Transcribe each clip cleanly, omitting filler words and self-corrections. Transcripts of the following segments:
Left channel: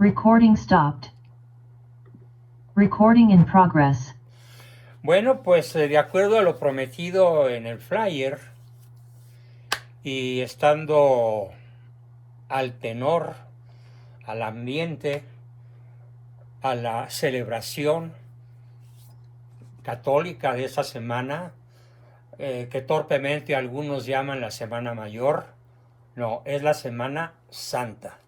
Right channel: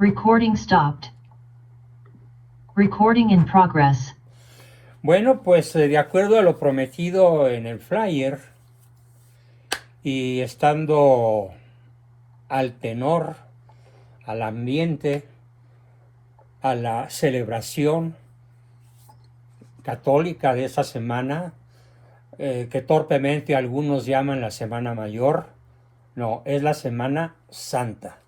Recording stopped. Recording in progress. Bueno, pues de acuerdo a lo prometido en el flyer y estando al tenor, al ambiente, a la celebración católica de esta semana, que torpemente algunos llaman la Semana Mayor, no, es la Semana Santa.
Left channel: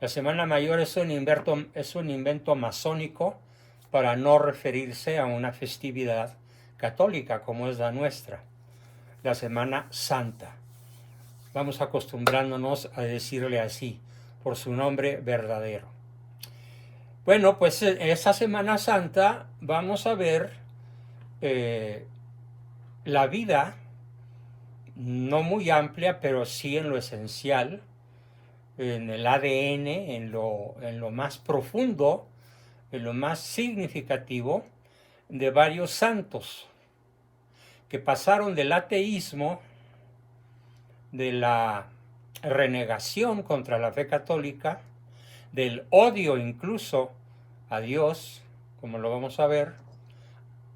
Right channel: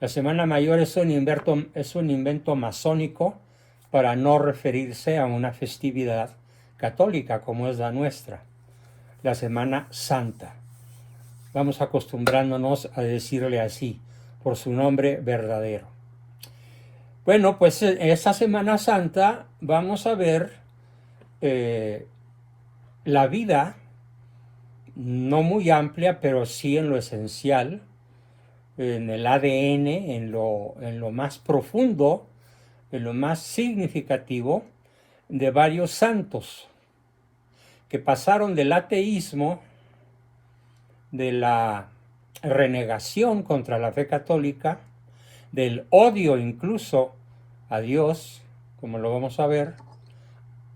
La Semana Mayor es un invento masónico para no referirse a una festividad católica como es la nuestra, la Semana Santa. Vamos acostumbrándonos a decirle así, por su nombre verdadero. Bueno, pues en esta Semana Santa vamos a ver la vida, no muy amplia, pero sí en lo esencial, en el ADN, en lo más profundo, en lo más significativo de varios santos que pasaron del ateísmo, de la renegación contra la fe católica, del odio incluso a Dios, como lo vamos a ver,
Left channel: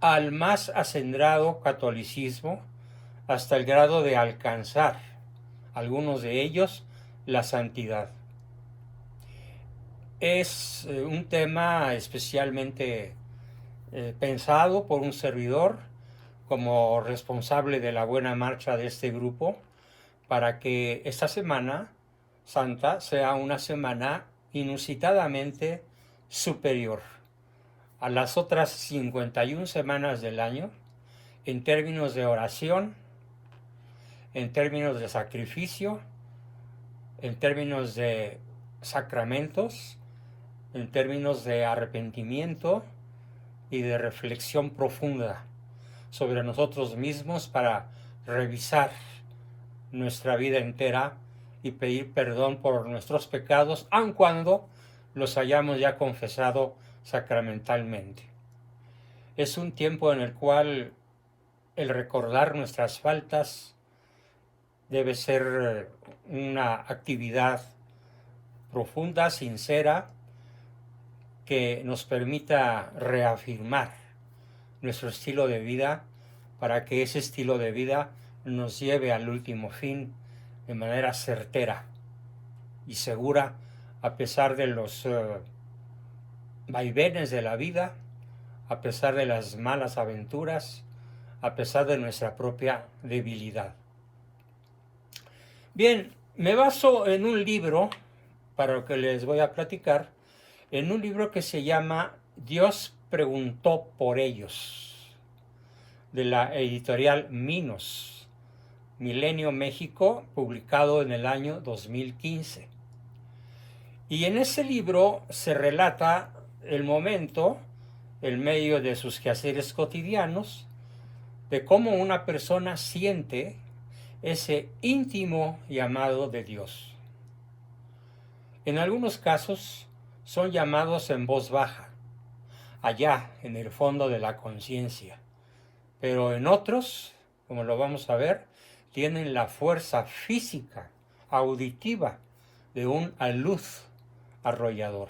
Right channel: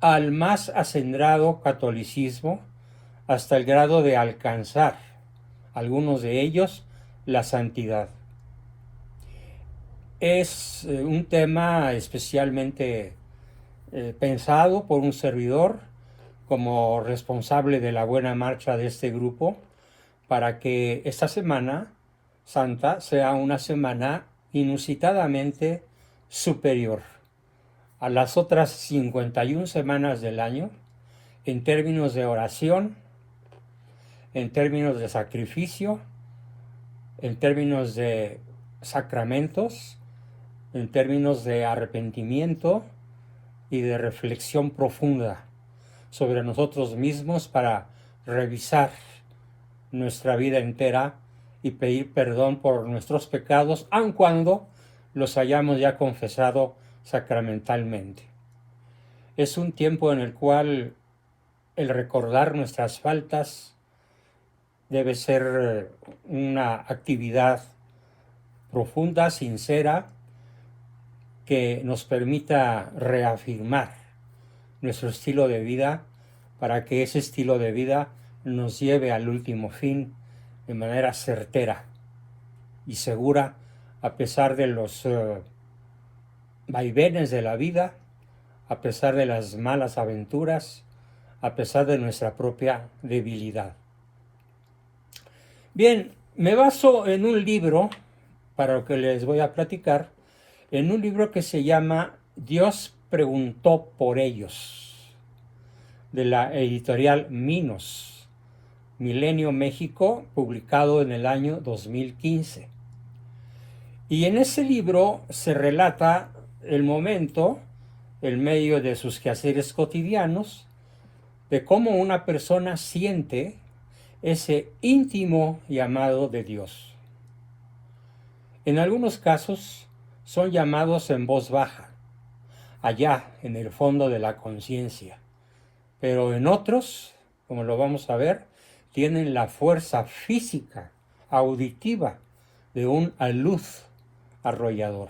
al más acendrado catolicismo, hasta el grado de alcanzar, algunos de ellos, la santidad. Es un tema especialmente pensado por un servidor como responsable de la buena marcha de este grupo, para que esta Semana Santa sea una semana inusitadamente superior a las otras 51 semanas del año en términos de oración, en términos de sacrificio, en términos de sacramentos, en términos de arrepentimiento y de reflexión profunda sobre nosotros mismos para revisar nuestra vida entera y pedir perdón por nuestros pecados, aun cuando los hayamos ya confesado sacramentalmente. Es un tiempo en el cual el recordar nuestras faltas debe ser una actividad profunda, sincera, que nos permita reafirmar nuestro estilo de vida para que ese estilo de vida nos lleve al último fin de manera certera y segura, a pesar de los vaivenes de la vida, a pesar de las malas aventuras, a pesar de nuestra propia debilidad. Bien, me baso en un libro, para lo que les voy a platicar, en un libro que se llama Dios preguntó por ellos, de la editorial Minos, Milenio México, publicado en el año 2015. Y en ese libro se relata el momento, en medio de sus quehaceres cotidianos, de cómo una persona siente ese íntimo llamado de Dios. En algunos casos son llamados en voz baja, allá en el fondo de la conciencia, pero en otros, como lo vamos a ver, tienen la fuerza física, auditiva, de un alud arrollador,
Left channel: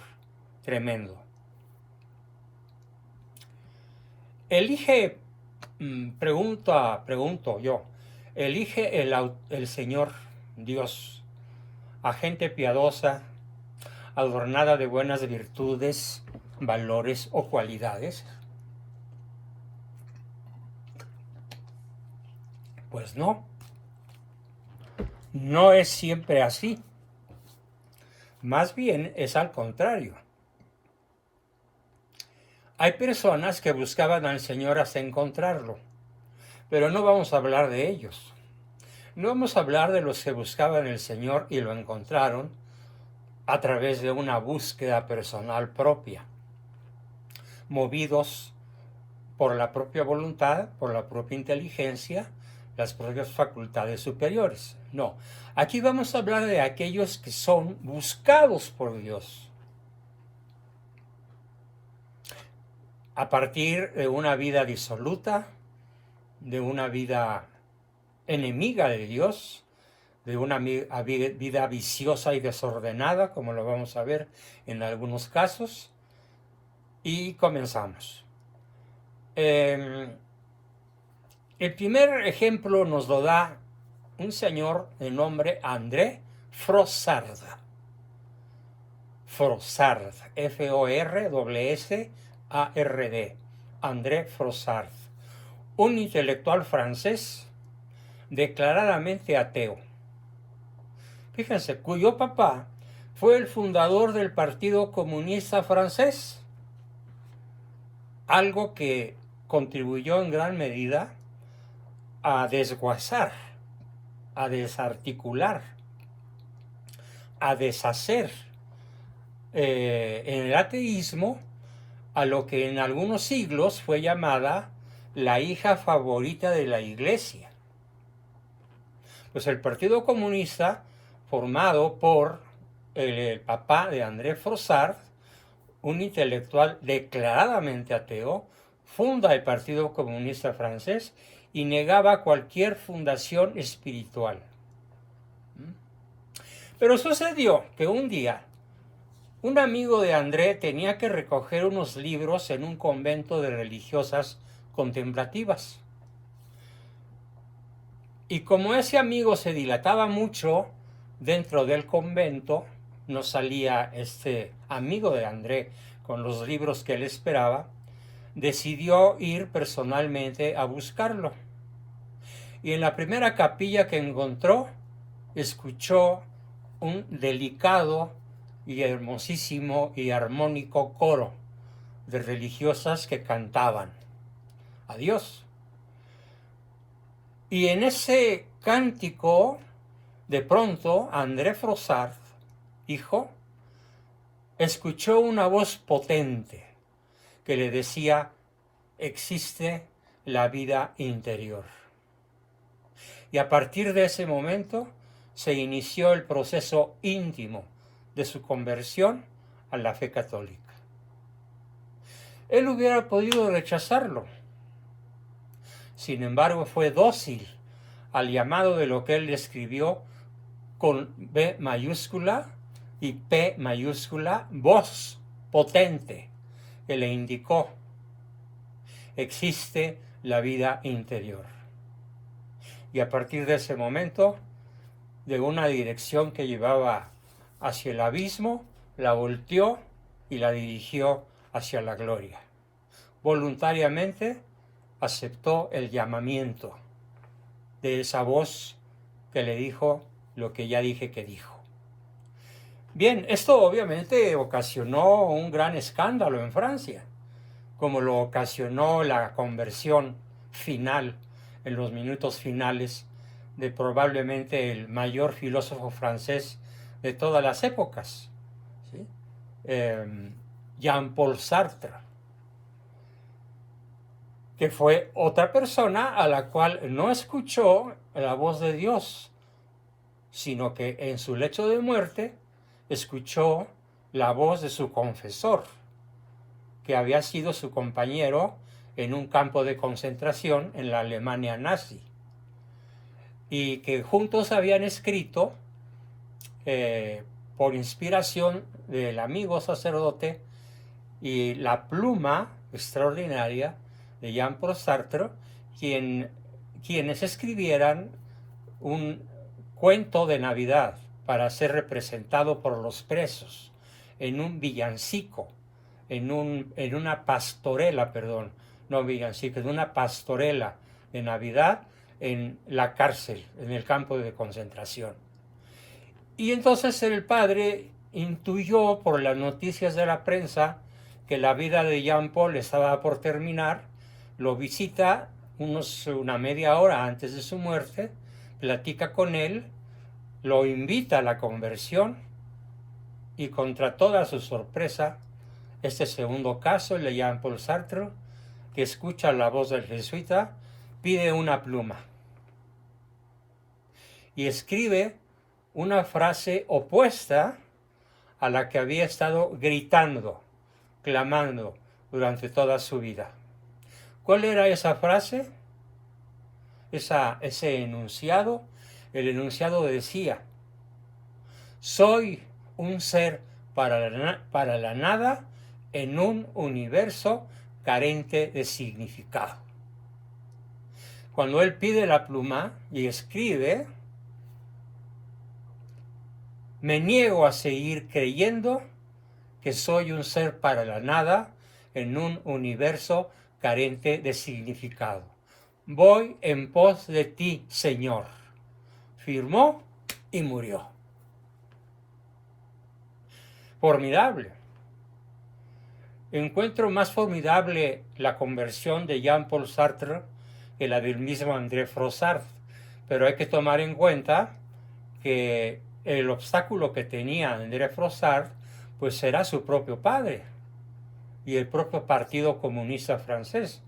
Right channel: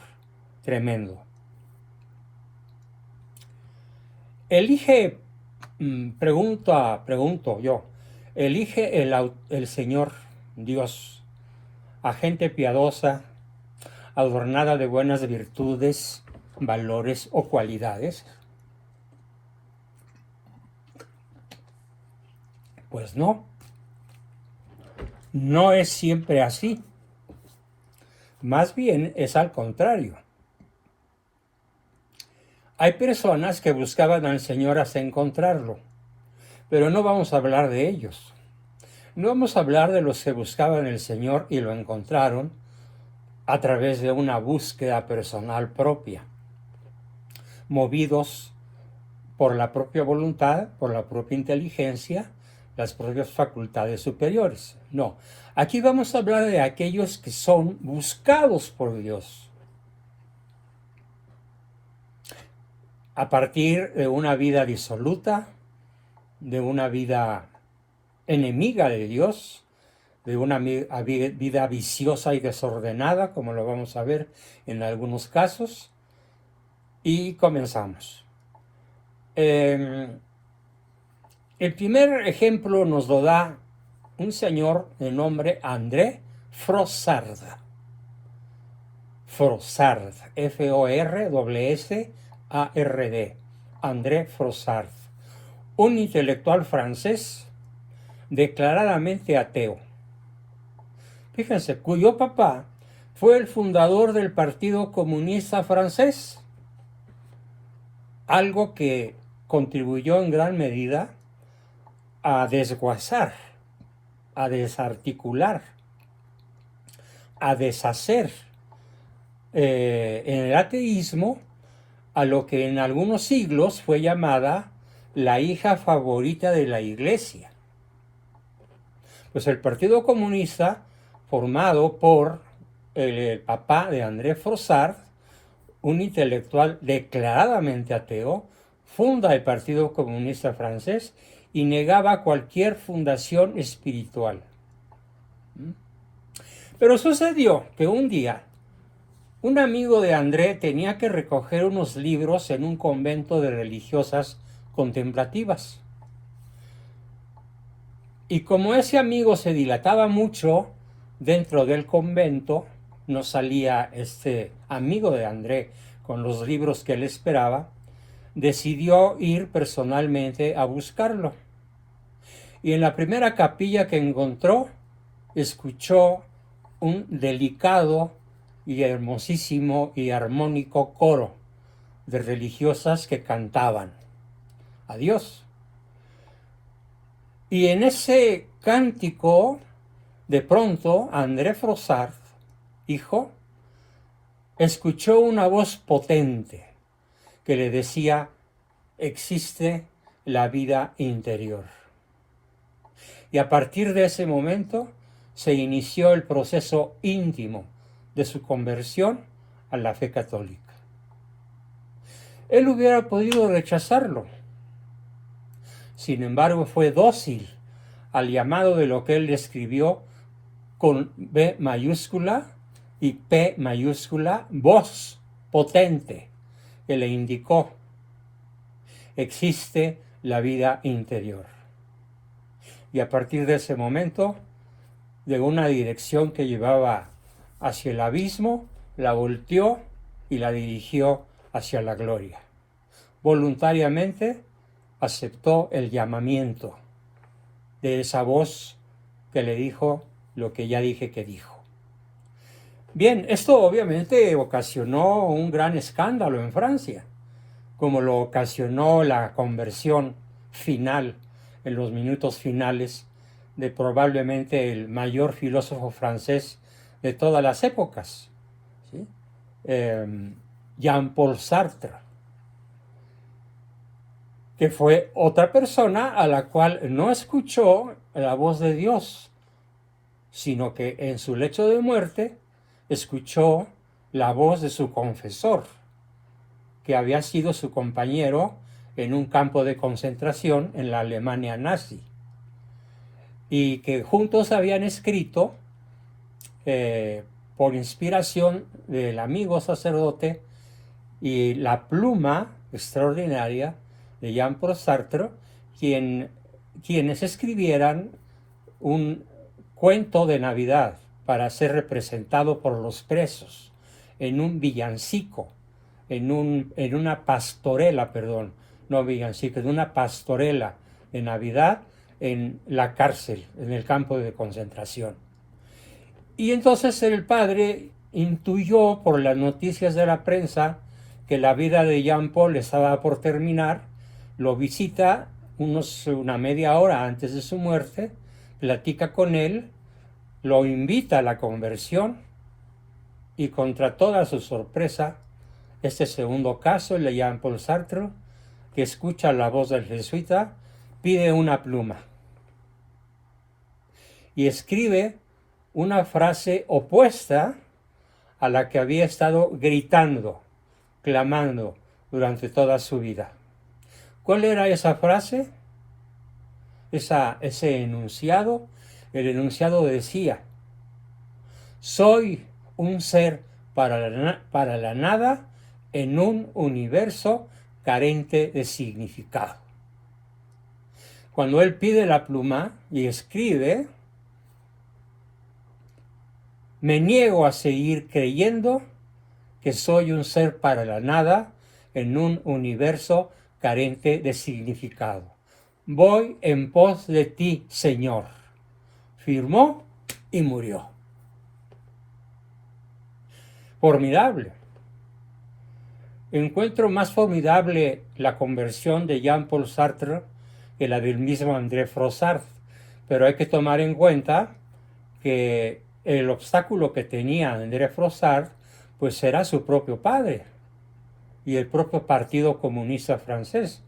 tremendo. Elige, pregunto yo, elige el Señor Dios a gente piadosa, adornada de buenas virtudes, valores o cualidades. Pues no, no es siempre así. Más bien es al contrario. Hay personas que buscaban al Señor hasta encontrarlo, pero no vamos a hablar de ellos. No vamos a hablar de los que buscaban al Señor y lo encontraron a través de una búsqueda personal propia, movidos por la propia voluntad, por la propia inteligencia, las propias facultades superiores. No, aquí vamos a hablar de aquellos que son buscados por Dios. A partir de una vida disoluta, de una vida enemiga de Dios, de una vida viciosa y desordenada, como lo vamos a ver en algunos casos. Y comenzamos. El primer ejemplo nos lo da un señor de nombre André Frossard. Frossard, F-O-R-S-S-A-R-D. André Frossard, un intelectual francés declaradamente ateo. Fíjense, cuyo papá fue el fundador del Partido Comunista Francés, algo que contribuyó en gran medida a desguazar, a desarticular, a deshacer en el ateísmo a lo que en algunos siglos fue llamada la hija favorita de la Iglesia. Pues el Partido Comunista, formado por el papá de André Frossard, un intelectual declaradamente ateo, funda el Partido Comunista francés y negaba cualquier fundación espiritual. Pero sucedió que un día un amigo de André tenía que recoger unos libros en un convento de religiosas contemplativas. Y como ese amigo se dilataba mucho dentro del convento, no salía este amigo de André con los libros que él esperaba, decidió ir personalmente a buscarlo. Y en la primera capilla que encontró, escuchó un delicado y hermosísimo y armónico coro de religiosas que cantaban a Dios. Y en ese cántico, de pronto, André Frossard, hijo, escuchó una voz potente que le decía: existe la vida interior. Y a partir de ese momento se inició el proceso íntimo de su conversión a la fe católica. Él hubiera podido rechazarlo. Sin embargo, fue dócil al llamado de lo que él describió con B mayúscula y P mayúscula, voz potente, que le indicó: existe la vida interior. Y a partir de ese momento, de una dirección que llevaba hacia el abismo, la volteó y la dirigió hacia la gloria. Voluntariamente aceptó el llamamiento de esa voz que le dijo lo que ya dije que dijo. Bien, esto obviamente ocasionó un gran escándalo en Francia, como lo ocasionó la conversión final, en los minutos finales, de probablemente el mayor filósofo francés de todas las épocas, ¿sí? Jean-Paul Sartre, que fue otra persona a la cual no escuchó la voz de Dios, sino que en su lecho de muerte escuchó la voz de su confesor, que había sido su compañero en un campo de concentración en la Alemania nazi, y que juntos habían escrito, por inspiración del amigo sacerdote y la pluma extraordinaria de Jean-Paul Sartre, quienes escribieran un cuento de Navidad para ser representado por los presos en un villancico, en una pastorela, no villancico, en una pastorela de Navidad en la cárcel, en el campo de concentración. Y entonces el padre intuyó por las noticias de la prensa que la vida de Jean-Paul estaba por terminar, lo visita una media hora antes de su muerte, platica con él, lo invita a la conversión y, contra toda su sorpresa, este segundo caso, el de Jean-Paul Sartre, que escucha la voz del jesuita, pide una pluma y escribe una frase opuesta a la que había estado gritando, clamando durante toda su vida. ¿Cuál era esa frase? Ese enunciado El enunciado decía: soy un ser para la nada en un universo carente de significado. Cuando él pide la pluma y escribe: me niego a seguir creyendo que soy un ser para la nada en un universo carente de significado. Voy en pos de ti, Señor. Firmó y murió. Formidable. Encuentro más formidable la conversión de Jean-Paul Sartre que la del mismo André Frossard, pero hay que tomar en cuenta que el obstáculo que tenía André Frossard pues era su propio padre y el propio Partido Comunista Francés,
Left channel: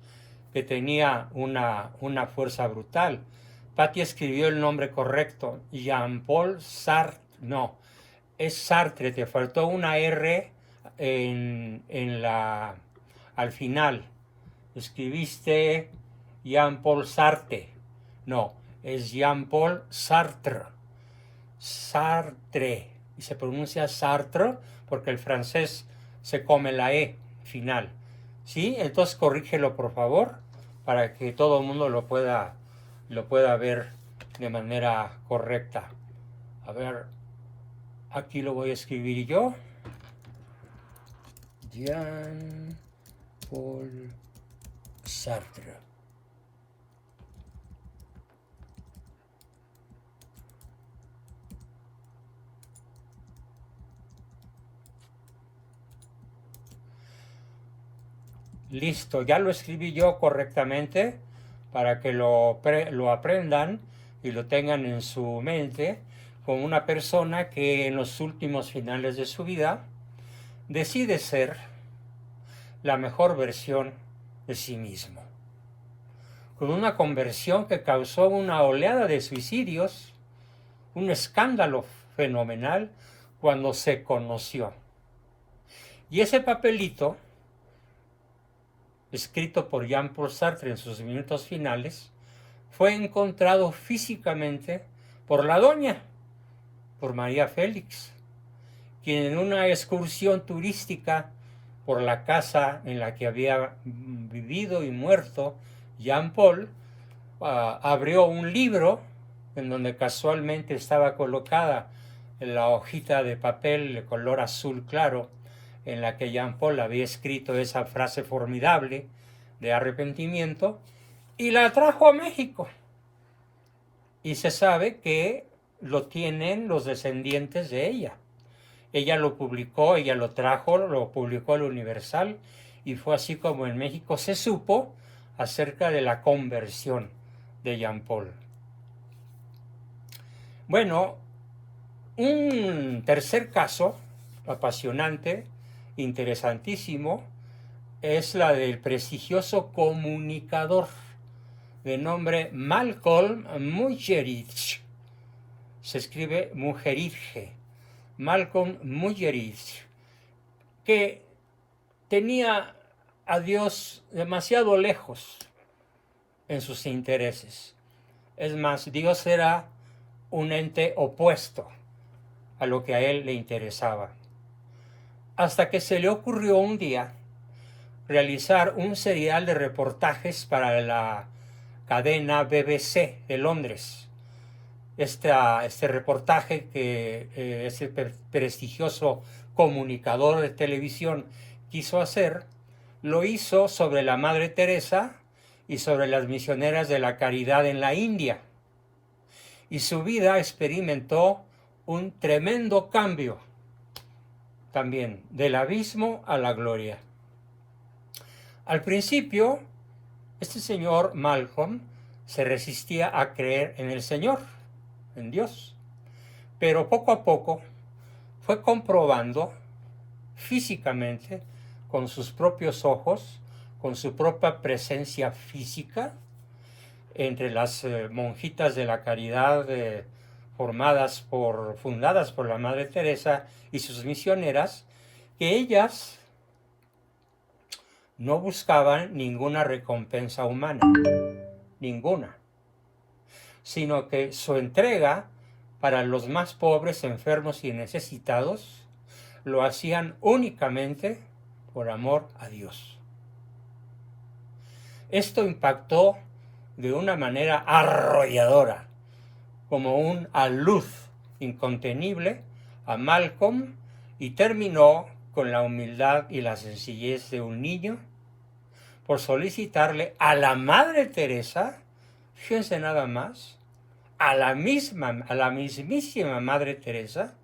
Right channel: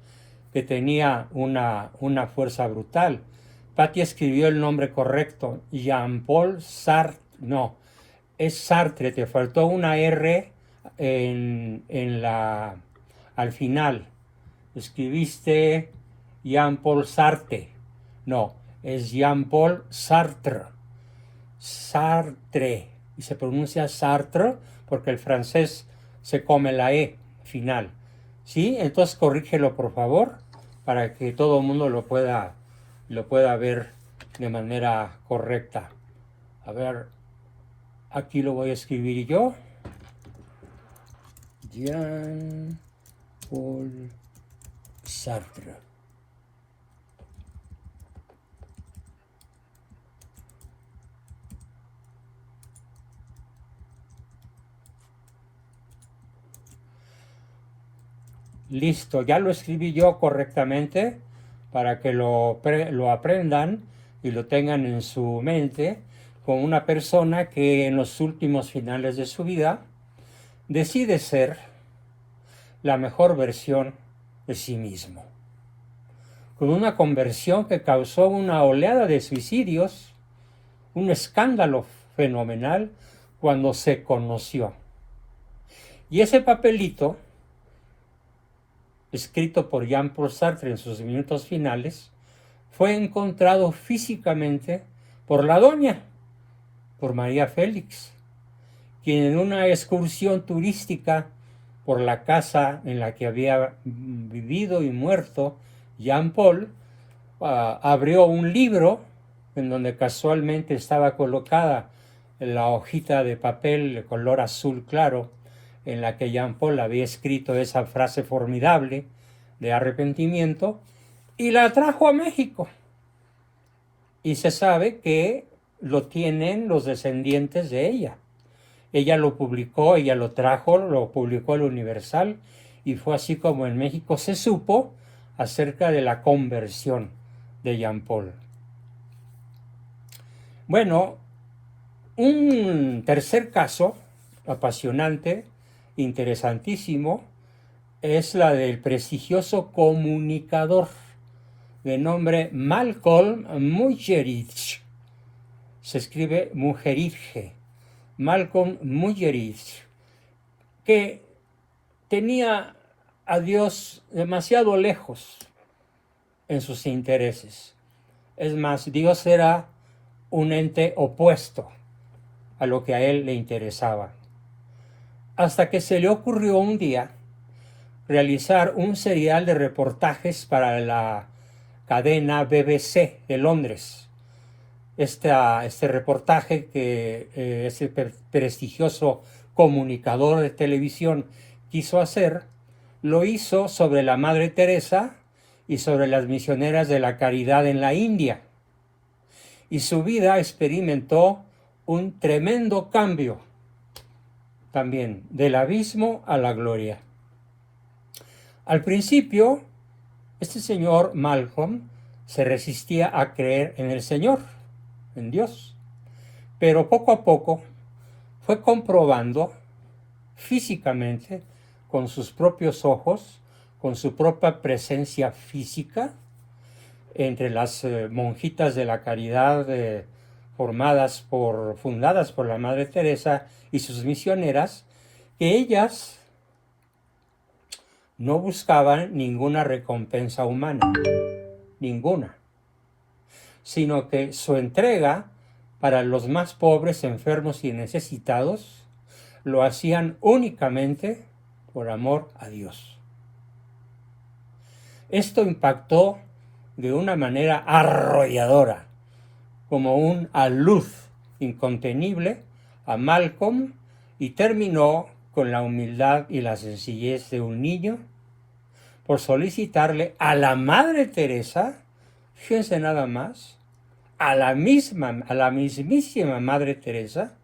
que tenía una fuerza brutal. Patti escribió el nombre correcto: Jean-Paul Sartre. No, es Sartre, te faltó una R al final. Escribiste Jean-Paul Sartre. No, es Jean-Paul Sartre. Sartre. Y se pronuncia Sartre porque el francés se come la E final. ¿Sí? Entonces corrígelo, por favor, para que todo el mundo lo pueda ver de manera correcta. A ver, aquí lo voy a escribir yo. Jean-Paul Sartre. Listo, ya lo escribí yo correctamente para que lo aprendan y lo tengan en su mente, con una persona que en los últimos finales de su vida decide ser la mejor versión de sí mismo. Con una conversión que causó una oleada de suicidios, un escándalo fenomenal cuando se conoció. Y ese papelito, escrito por Jean-Paul Sartre en sus minutos finales, fue encontrado físicamente por la doña, por María Félix, quien en una excursión turística por la casa en la que había vivido y muerto Jean-Paul, abrió un libro en donde casualmente estaba colocada la hojita de papel de color azul claro en la que Jean-Paul había escrito esa frase formidable de arrepentimiento, y la trajo a México. Y se sabe que lo tienen los descendientes de ella. Ella lo publicó, ella lo trajo, lo publicó el Universal, y fue así como en México se supo acerca de la conversión de Jean-Paul. Bueno, un tercer caso apasionante, interesantísimo, es la del prestigioso comunicador de nombre Malcolm Muggeridge. Se escribe Muggeridge. Malcolm Muggeridge, que tenía a Dios demasiado lejos en sus intereses. Es más, Dios era un ente opuesto a lo que a él le interesaba. Hasta que se le ocurrió un día realizar un serial de reportajes para la cadena BBC de Londres. Este reportaje que ese prestigioso comunicador de televisión quiso hacer, lo hizo sobre la Madre Teresa y sobre las misioneras de la caridad en la India. Y su vida experimentó un tremendo cambio, también del abismo a la gloria. Al principio, este señor Malcolm se resistía a creer en el Señor, en Dios, pero poco a poco fue comprobando físicamente, con sus propios ojos, con su propia presencia física, entre las monjitas de la caridad fundadas por la Madre Teresa y sus misioneras, que ellas no buscaban ninguna recompensa humana, ninguna. sino que su entrega para los más pobres, enfermos y necesitados lo hacían únicamente por amor a Dios. Esto impactó de una manera arrolladora, como una luz incontenible, a Malcolm, y terminó con la humildad y la sencillez de un niño por solicitarle a la Madre Teresa, fíjense nada más, a la mismísima Madre Teresa,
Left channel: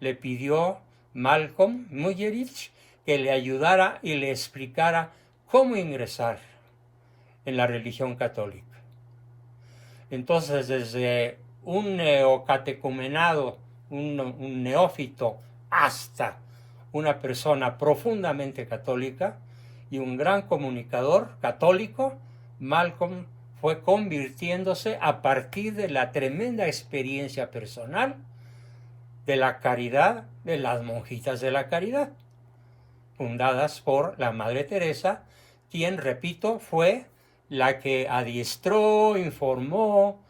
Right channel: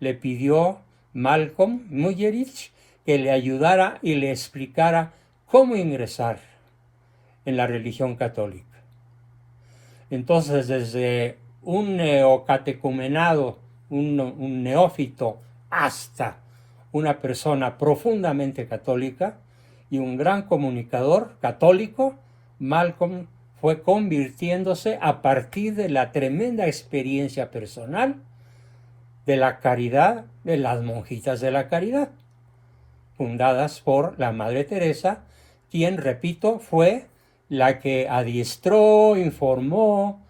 le pidió Malcolm Muggeridge que le ayudara y le explicara cómo ingresar en la religión católica. Entonces, desde un neocatecumenado, un neófito, hasta una persona profundamente católica y un gran comunicador católico, Malcolm fue convirtiéndose a partir de la tremenda experiencia personal de la caridad, de las monjitas de la caridad, fundadas por la Madre Teresa, quien, repito, fue la que adiestró, informó,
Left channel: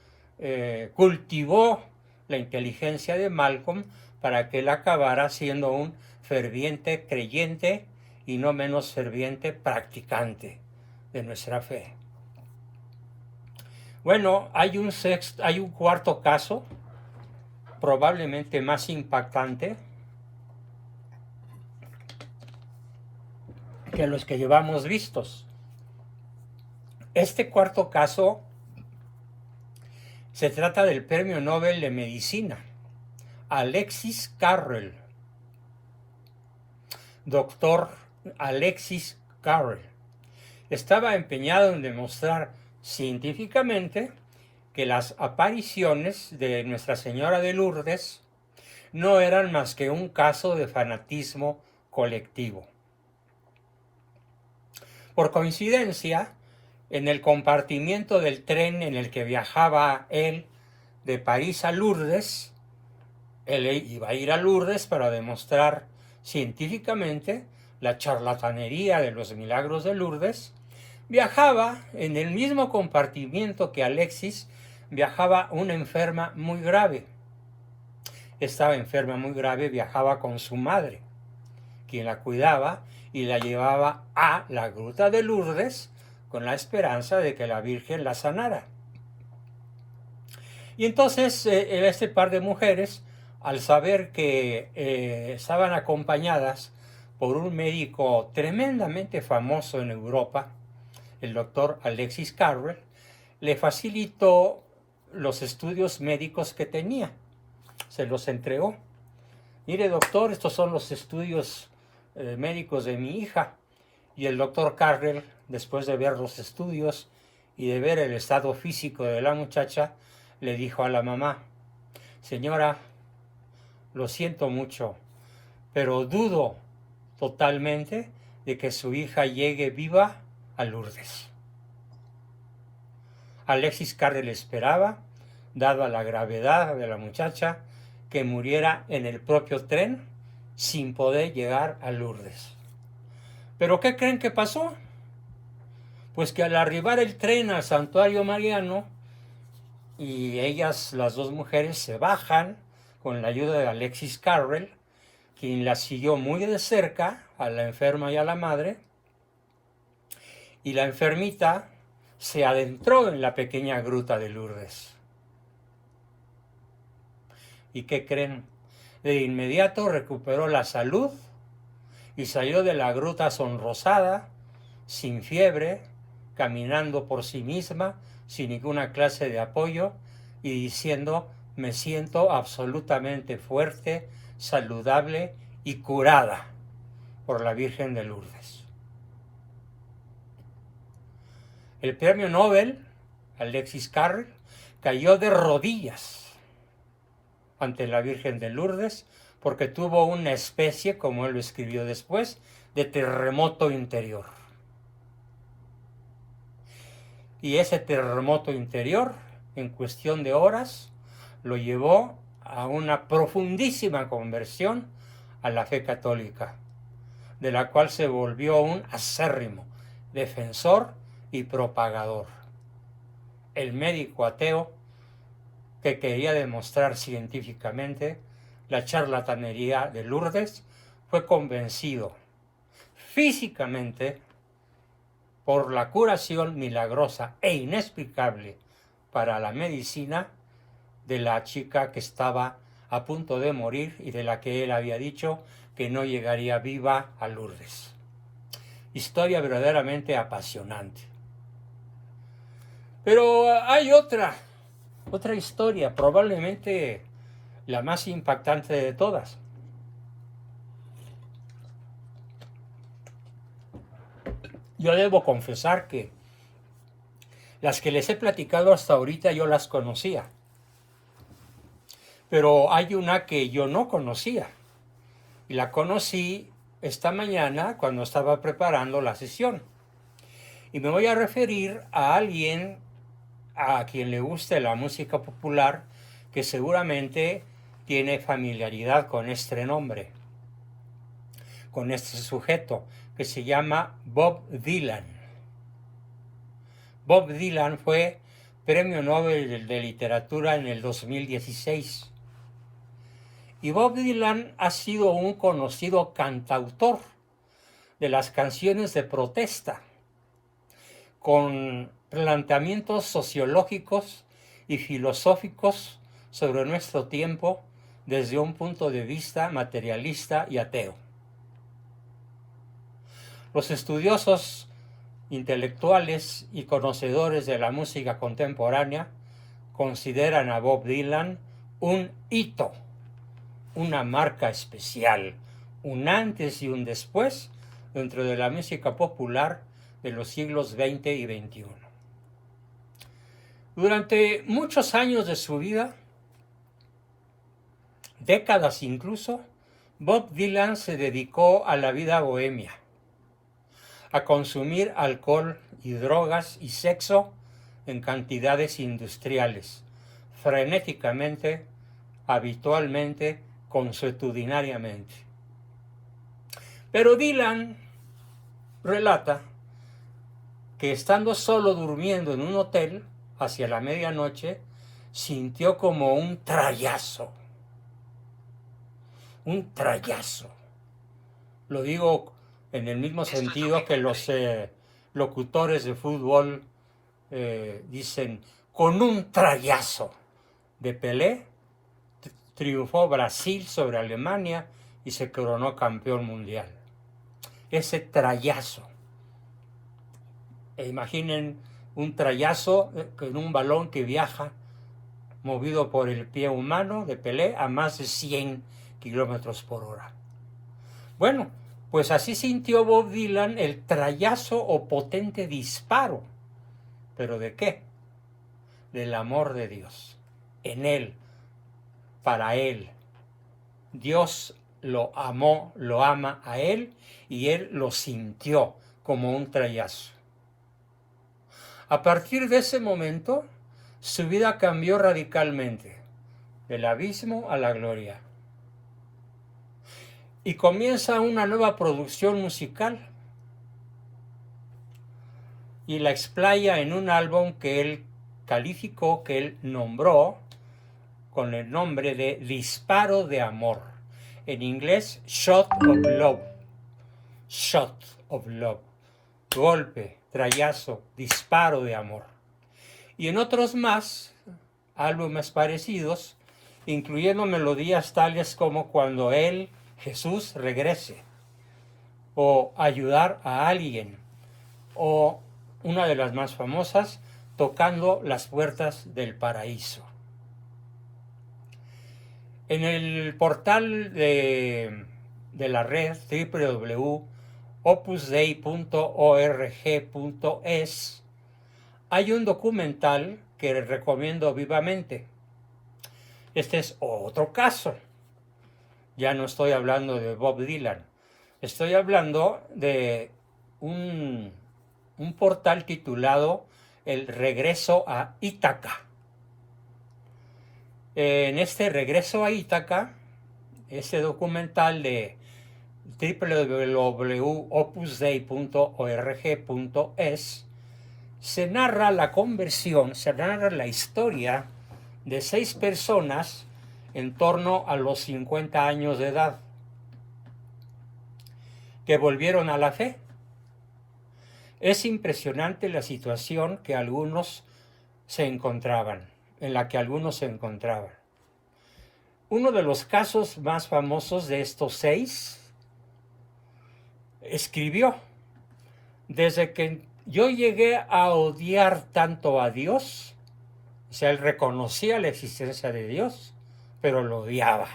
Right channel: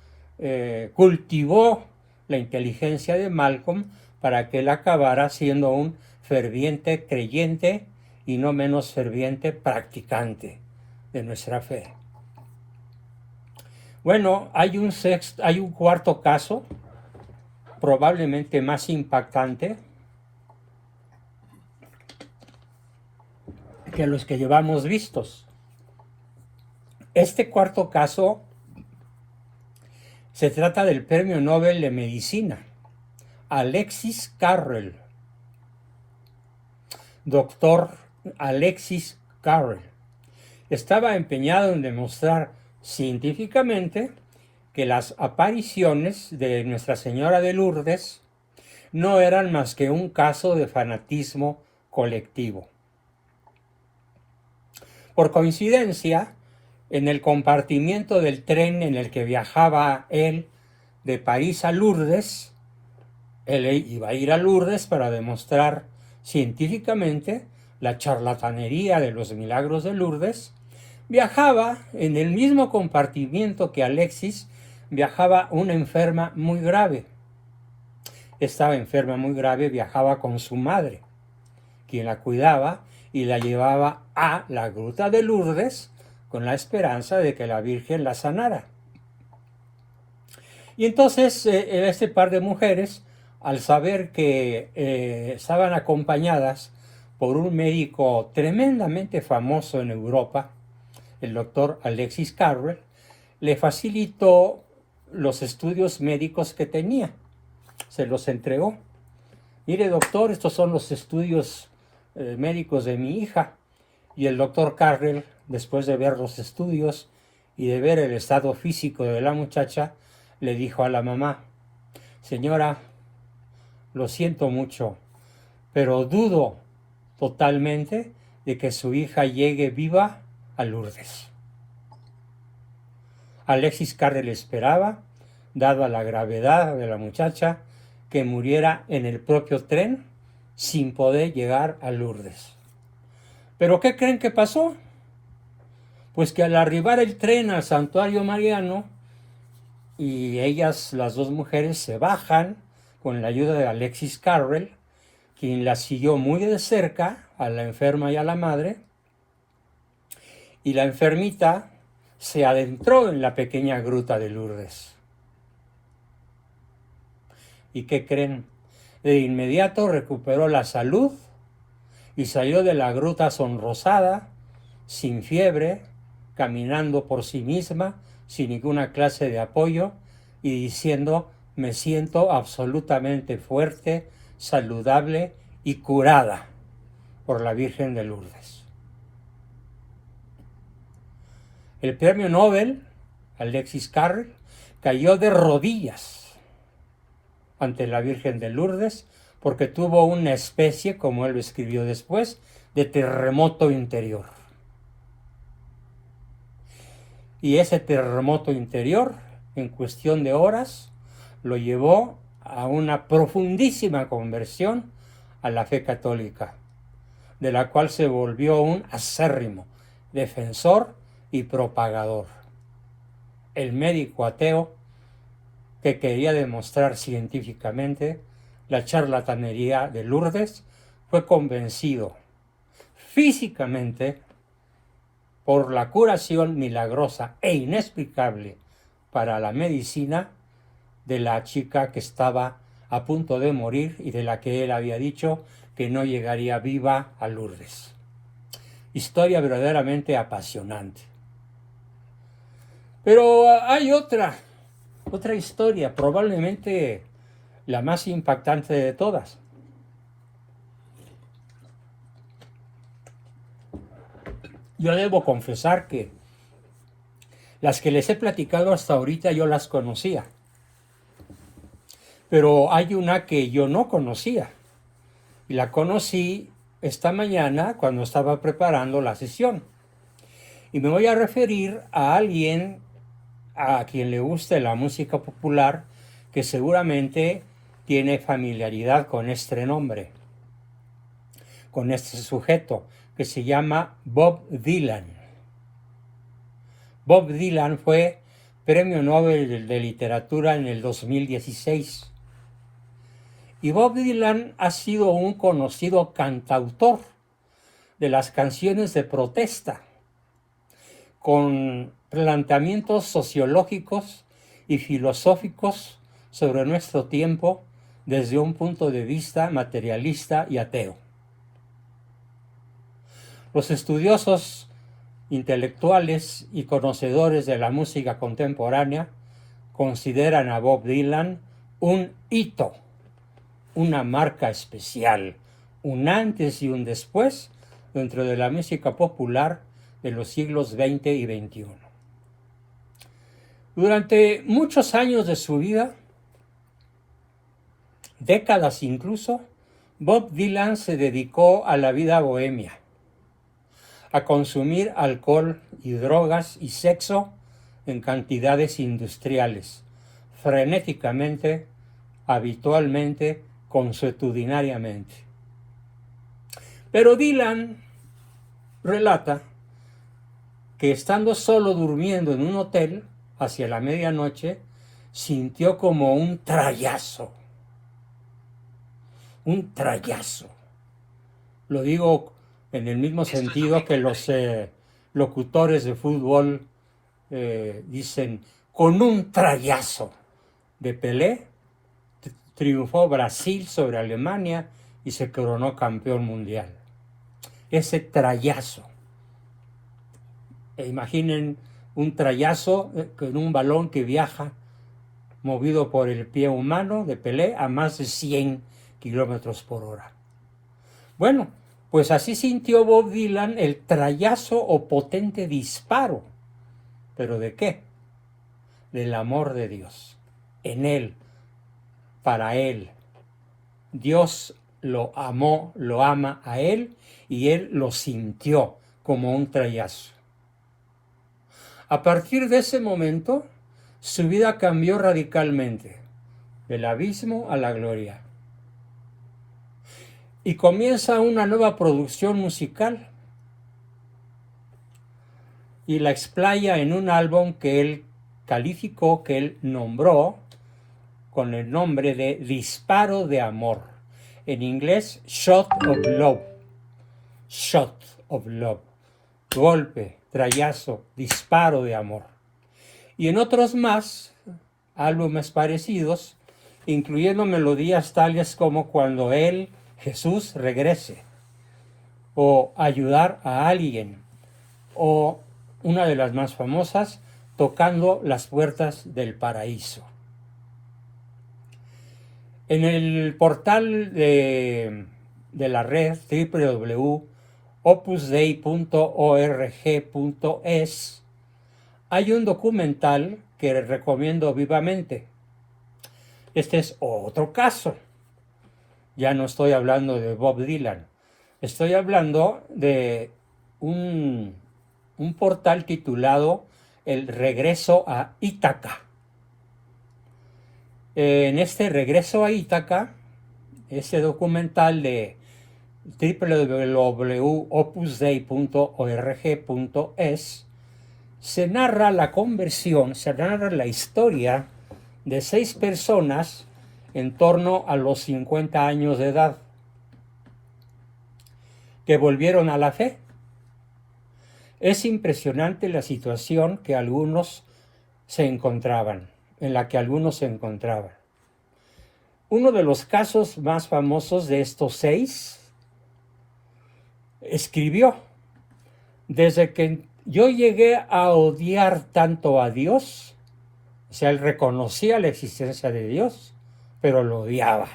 cultivó la inteligencia de Malcolm para que él acabara siendo un ferviente creyente y no menos ferviente practicante de nuestra fe. Bueno, hay un cuarto caso, probablemente más impactante que los que llevamos vistos. Este cuarto caso se trata del Premio Nobel de Medicina, Alexis Carrel, doctor Alexis Carrel. Estaba empeñado en demostrar científicamente que las apariciones de Nuestra Señora de Lourdes no eran más que un caso de fanatismo colectivo. Por coincidencia, en el compartimiento del tren en el que viajaba él de París a Lourdes, él iba a ir a Lourdes para demostrar científicamente la charlatanería de los milagros de Lourdes, viajaba en el mismo compartimiento que Alexis, viajaba una enferma muy grave. Esta enferma muy grave viajaba con su madre, quien la cuidaba y la llevaba a la gruta de Lourdes con la esperanza de que la Virgen la sanara. Y entonces este par de mujeres, al saber que estaban acompañadas por un médico tremendamente famoso en Europa, el doctor Alexis Carrel, le facilitó los estudios médicos que tenía. Se los entregó. Mire, doctor, estos son los estudios médicos de mi hija. Y el doctor Carrel, después de ver los estudios y de ver el estado físico de la muchacha, le dijo a la mamá: señora, lo siento mucho, pero dudo totalmente de que su hija llegue viva a Lourdes. Alexis Carrel esperaba, dada la gravedad de la muchacha, que muriera en el propio tren sin poder llegar a Lourdes. ¿Pero qué creen que pasó? Pues que al arribar el tren al santuario mariano, y ellas, las dos mujeres, se bajan con la ayuda de Alexis Carrel, quien la siguió muy de cerca a la enferma y a la madre, y la enfermita se adentró en la pequeña gruta de Lourdes. ¿Y qué creen? De inmediato recuperó la salud y salió de la gruta sonrosada, sin fiebre, caminando por sí misma, sin ninguna clase de apoyo, y diciendo: me siento absolutamente fuerte, saludable y curada por la Virgen de Lourdes. El premio Nobel, Alexis Carrel, cayó de rodillas ante la Virgen de Lourdes porque tuvo una especie, como él lo escribió después, de terremoto interior. Y ese terremoto interior, en cuestión de horas, lo llevó a una profundísima conversión a la fe católica, de la cual se volvió un acérrimo defensor y propagador. El médico ateo que quería demostrar científicamente la charlatanería de Lourdes, fue convencido físicamente por la curación milagrosa e inexplicable para la medicina de la chica que estaba a punto de morir y de la que él había dicho que no llegaría viva a Lourdes. Historia verdaderamente apasionante. Pero hay otra historia, probablemente la más impactante de todas. Yo debo confesar que las que les he platicado hasta ahorita yo las conocía, pero hay una que yo no conocía y la conocí esta mañana cuando estaba preparando la sesión. Y me voy a referir a alguien a quien le guste la música popular que seguramente tiene familiaridad con este nombre, con este sujeto, que se llama Bob Dylan. Bob Dylan fue Premio Nobel de Literatura en el 2016. Y Bob Dylan ha sido un conocido cantautor de las canciones de protesta, con planteamientos sociológicos y filosóficos sobre nuestro tiempo desde un punto de vista materialista y ateo. Los estudiosos intelectuales y conocedores de la música contemporánea consideran a Bob Dylan un hito, una marca especial, un antes y un después dentro de la música popular de los siglos XX y XXI. Durante muchos años de su vida, décadas incluso, Bob Dylan se dedicó a la vida bohemia, a consumir alcohol y drogas y sexo en cantidades industriales, frenéticamente, habitualmente, consuetudinariamente. Pero Dylan relata que estando solo durmiendo en un hotel hacia la medianoche, sintió como un trayazo. Un trayazo. Lo digo en el mismo sentido que los locutores de fútbol dicen, con un trayazo de Pelé, triunfó Brasil sobre Alemania y se coronó campeón mundial. Ese trayazo. Imaginen un trayazo en un balón que viaja movido por el pie humano de Pelé a más de 100 kilómetros por hora. Bueno, pues así sintió Bob Dylan el trayazo o potente disparo. ¿Pero de qué? Del amor de Dios. En él, para él. Dios lo amó, lo ama a él y él lo sintió como un trayazo. A partir de ese momento, su vida cambió radicalmente, del abismo a la gloria. Y comienza una nueva producción musical y la explaya en un álbum que él calificó, que él nombró con el nombre de Disparo de Amor. En inglés, Shot of Love. Shot of Love. Golpe, trayazo, disparo de amor. Y en otros más, álbumes parecidos, incluyendo melodías tales como Cuando Él, Jesús, regrese, o Ayudar a alguien, o una de las más famosas, Tocando las puertas del paraíso. En el portal de la red www.opusdei.org.es hay un documental que recomiendo vivamente. Este es otro caso. Ya no estoy hablando de Bob Dylan. Estoy hablando de un portal titulado El Regreso a Ítaca. En este Regreso a Ítaca, este documental de www.opusdei.org.es, se narra la conversión, se narra la historia de 6 personas en torno a los 50 años de edad, que volvieron a la fe. Es impresionante la situación en la que algunos se encontraban. Uno de los casos más famosos de estos 6 escribió: desde que yo llegué a odiar tanto a Dios, o sea, él reconocía la existencia de Dios, pero lo odiaba.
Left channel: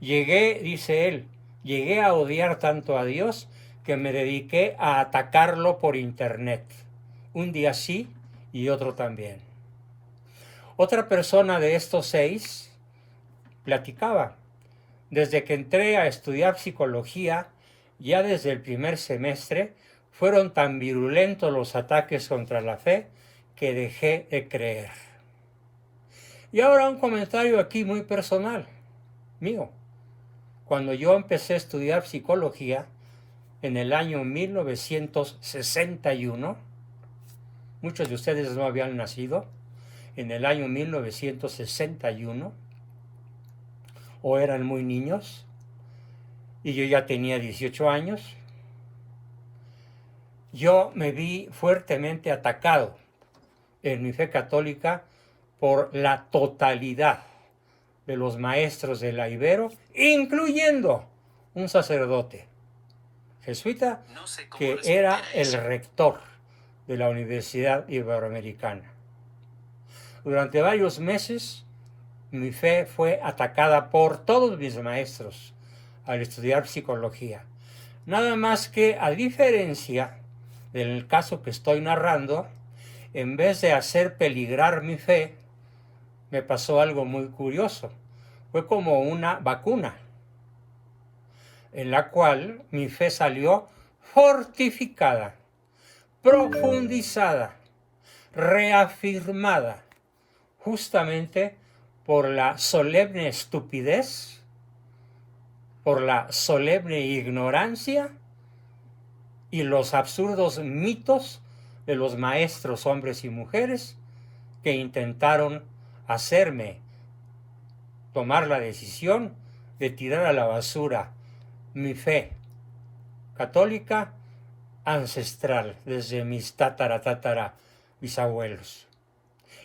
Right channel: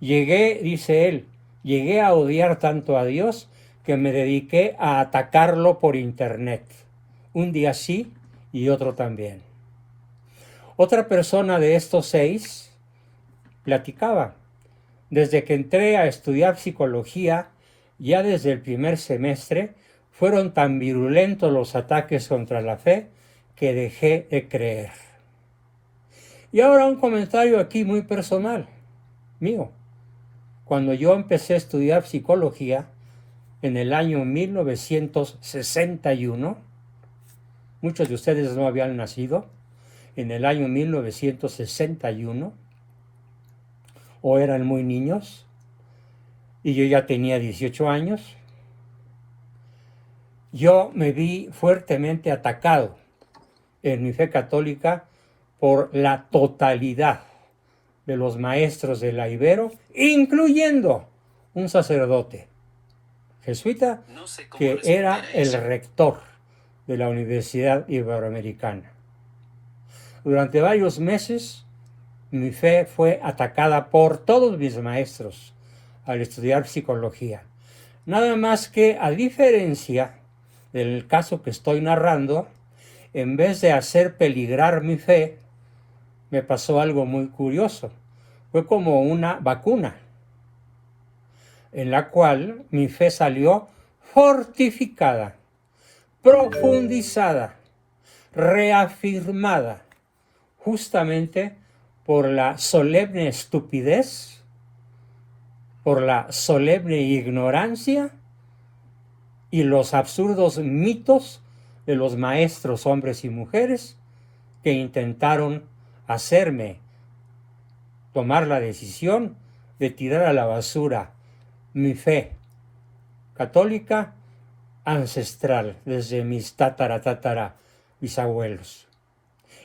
Dice él, llegué a odiar tanto a Dios que me dediqué a atacarlo por internet. Un día sí y otro también. Otra persona de estos 6 platicaba: desde que entré a estudiar psicología, ya desde el primer semestre, fueron tan virulentos los ataques contra la fe que dejé de creer. Y ahora un comentario aquí muy personal, mío. Cuando yo empecé a estudiar psicología en el año 1961, muchos de ustedes no habían nacido, en el año 1961, o eran muy niños, y yo ya tenía 18 años, yo me vi fuertemente atacado en mi fe católica por la totalidad de los maestros de la Ibero, incluyendo un sacerdote jesuita que era el rector de la Universidad Iberoamericana. Durante varios meses mi fe fue atacada por todos mis maestros al estudiar psicología. Nada más que, a diferencia del caso que estoy narrando, en vez de hacer peligrar mi fe, me pasó algo muy curioso. Fue como una vacuna, en la cual mi fe salió fortificada, profundizada, reafirmada, justamente por la solemne estupidez, por la solemne ignorancia y los absurdos mitos de los maestros hombres y mujeres que intentaron hacerme tomar la decisión de tirar a la basura mi fe católica ancestral desde mis bisabuelos,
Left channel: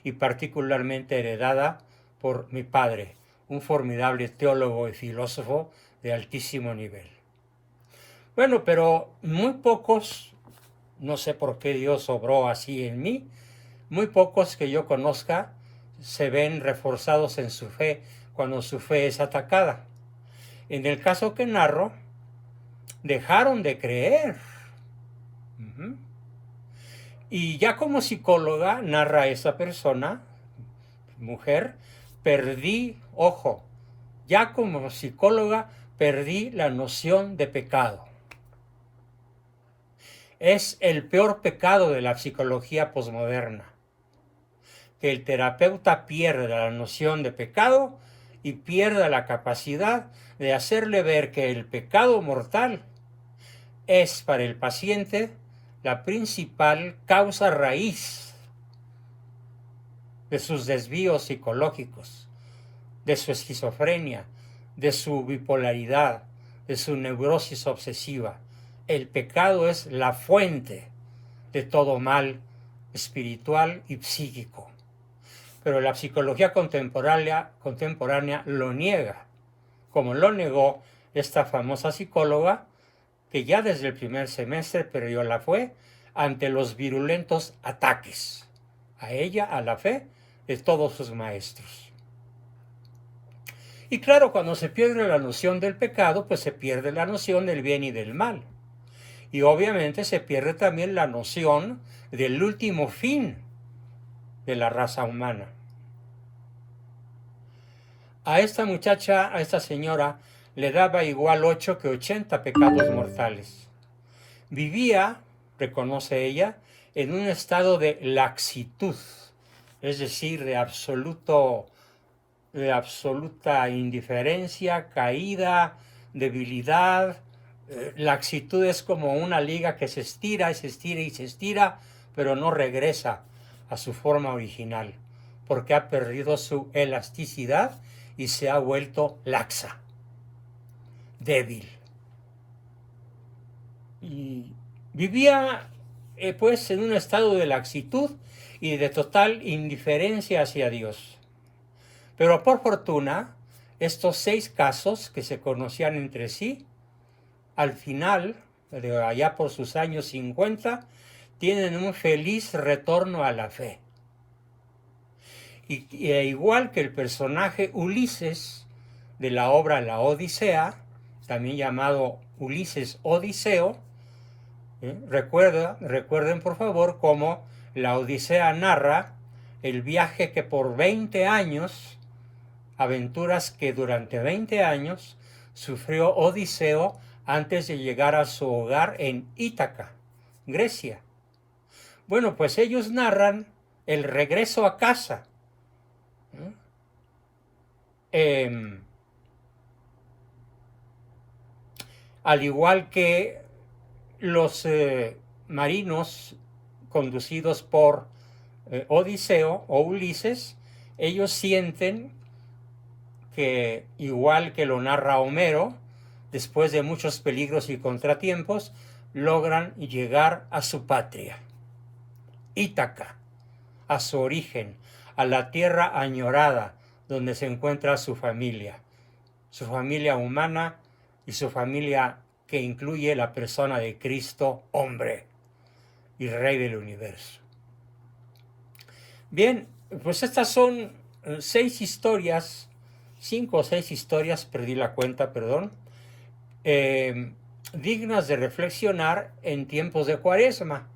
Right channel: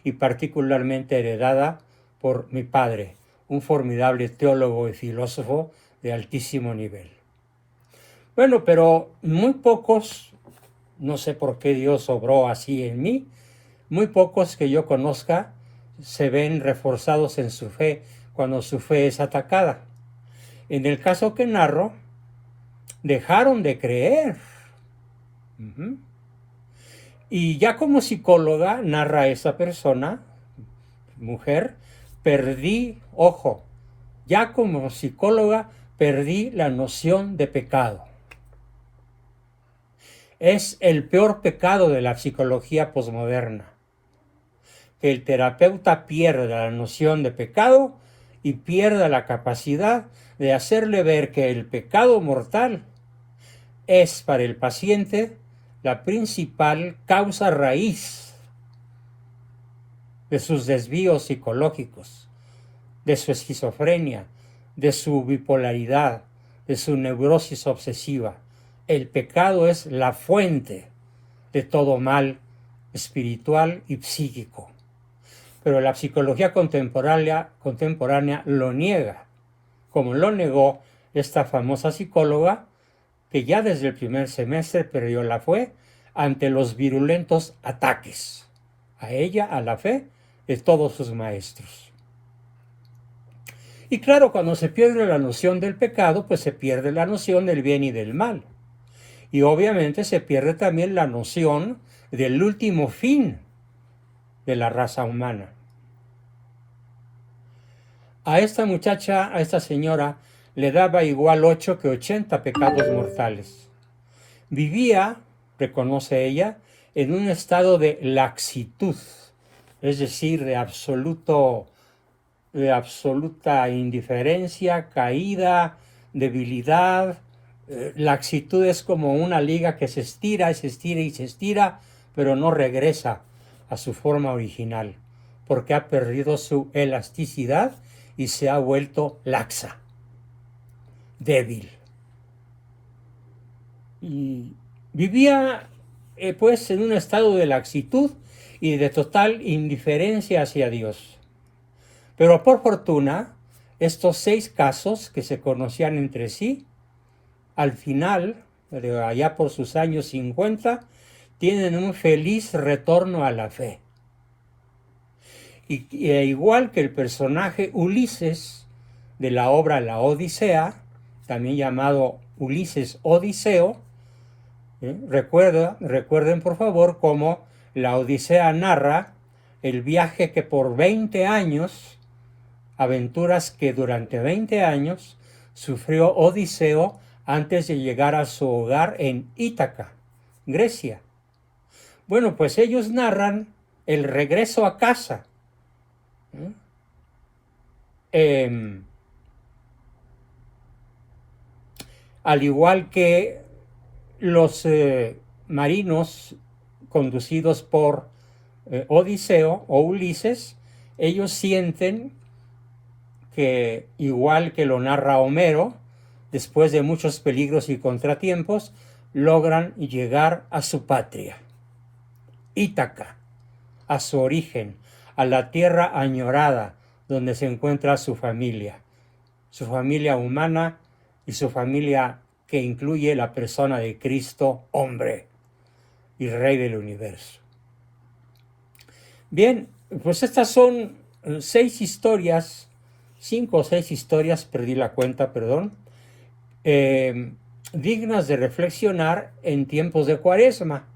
y particularmente heredada por mi padre, un formidable teólogo y filósofo de altísimo nivel. Bueno, pero muy pocos, no sé por qué Dios obró así en mí, muy pocos que yo conozca se ven reforzados en su fe cuando su fe es atacada. En el caso que narro, dejaron de creer. Y ya como psicóloga, narra esa persona, mujer, ya como psicóloga perdí la noción de pecado. Es el peor pecado de la psicología posmoderna, que el terapeuta pierda la noción de pecado y pierda la capacidad de hacerle ver que el pecado mortal es para el paciente la principal causa raíz de sus desvíos psicológicos, de su esquizofrenia, de su bipolaridad, de su neurosis obsesiva. El pecado es la fuente de todo mal espiritual y psíquico. Pero la psicología contemporánea lo niega, como lo negó esta famosa psicóloga que ya desde el primer semestre perdió la fe ante los virulentos ataques a ella, a la fe de todos sus maestros. Y claro, cuando se pierde la noción del pecado, pues se pierde la noción del bien y del mal. Y obviamente se pierde también la noción del último fin de la raza humana. A esta muchacha, a esta señora, le daba igual 8 que 80 pecados mortales. Vivía, reconoce ella, en un estado de laxitud, es decir, de absoluta indiferencia, caída, debilidad. Laxitud es como una liga que se estira y se estira y se estira, pero no regresa a su forma original, porque ha perdido su elasticidad y se ha vuelto laxa, débil. Y vivía pues en un estado de laxitud y de total indiferencia hacia Dios. Pero por fortuna, estos 6 casos que se conocían entre sí, al final, de allá por sus años 50, tienen un feliz retorno a la fe. Y igual que el personaje Ulises de la obra La Odisea, también llamado Ulises Odiseo, recuerden por favor cómo la Odisea narra el viaje que por 20 años, aventuras que durante 20 años sufrió Odiseo antes de llegar a su hogar en Ítaca, Grecia. Bueno, pues ellos narran el regreso a casa. Al igual que los marinos conducidos por Odiseo o Ulises, ellos sienten que, igual que lo narra Homero, después de muchos peligros y contratiempos, logran llegar a su patria, Ítaca, a su origen, a la tierra añorada donde se encuentra su familia humana y su familia que incluye la persona de Cristo, hombre y Rey del universo. Bien, pues estas son 6 historias, 5 o 6 historias, perdí la cuenta, perdón, dignas de reflexionar en tiempos de Cuaresma.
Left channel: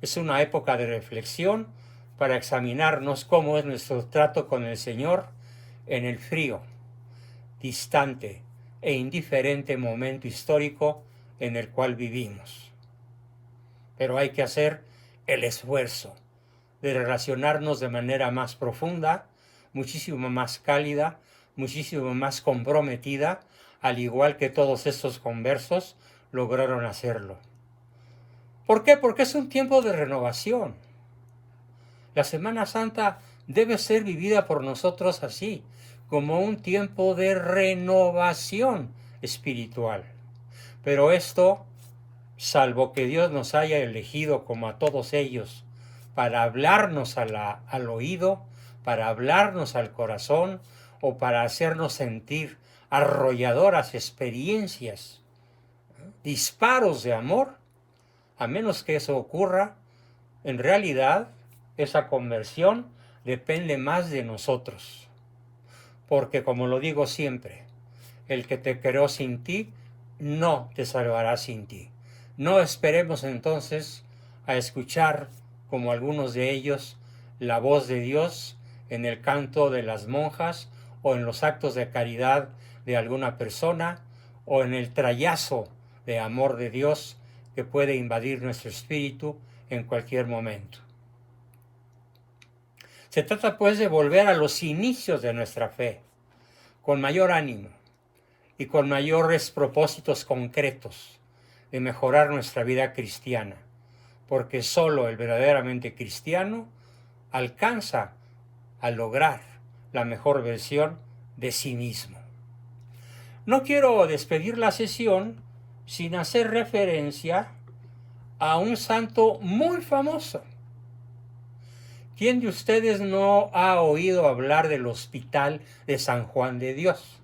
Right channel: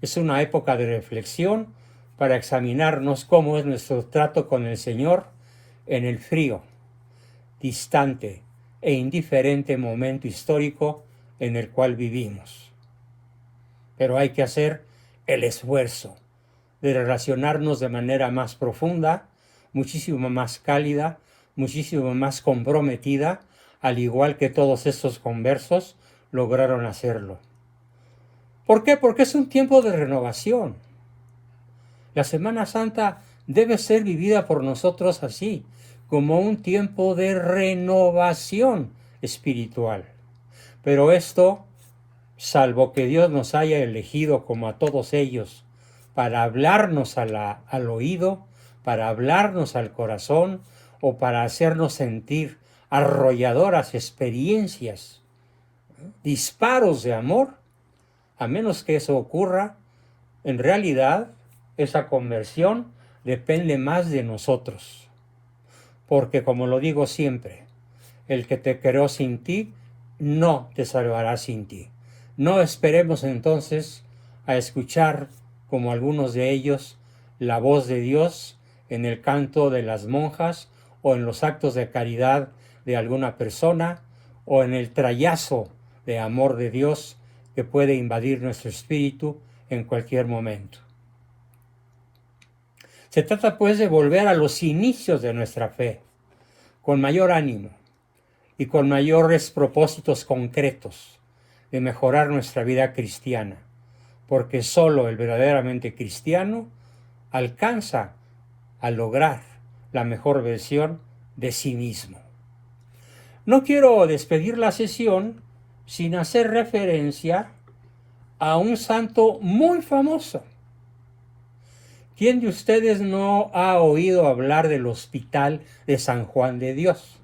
Es una época de reflexión para examinarnos cómo es nuestro trato con el Señor en el frío, distante e indiferente momento histórico en el cual vivimos. Pero hay que hacer el esfuerzo de relacionarnos de manera más profunda, muchísimo más cálida, muchísimo más comprometida, al igual que todos estos conversos lograron hacerlo. ¿Por qué? Porque es un tiempo de renovación. La Semana Santa debe ser vivida por nosotros así, como un tiempo de renovación espiritual. Pero esto, salvo que Dios nos haya elegido como a todos ellos, para hablarnos al oído, para hablarnos al corazón o para hacernos sentir arrolladoras experiencias, disparos de amor, a menos que eso ocurra, en realidad esa conversión depende más de nosotros. Porque como lo digo siempre, el que te creó sin ti, no te salvará sin ti. No esperemos entonces a escuchar, como algunos de ellos, la voz de Dios en el canto de las monjas o en los actos de caridad de alguna persona o en el trayazo de amor de Dios que puede invadir nuestro espíritu en cualquier momento. Se trata pues de volver a los inicios de nuestra fe, con mayor ánimo y con mayores propósitos concretos de mejorar nuestra vida cristiana, porque solo el verdaderamente cristiano alcanza a lograr la mejor versión de sí mismo. No quiero despedir la sesión sin hacer referencia a un santo muy famoso. ¿Quién de ustedes no ha oído hablar del Hospital de San Juan de Dios?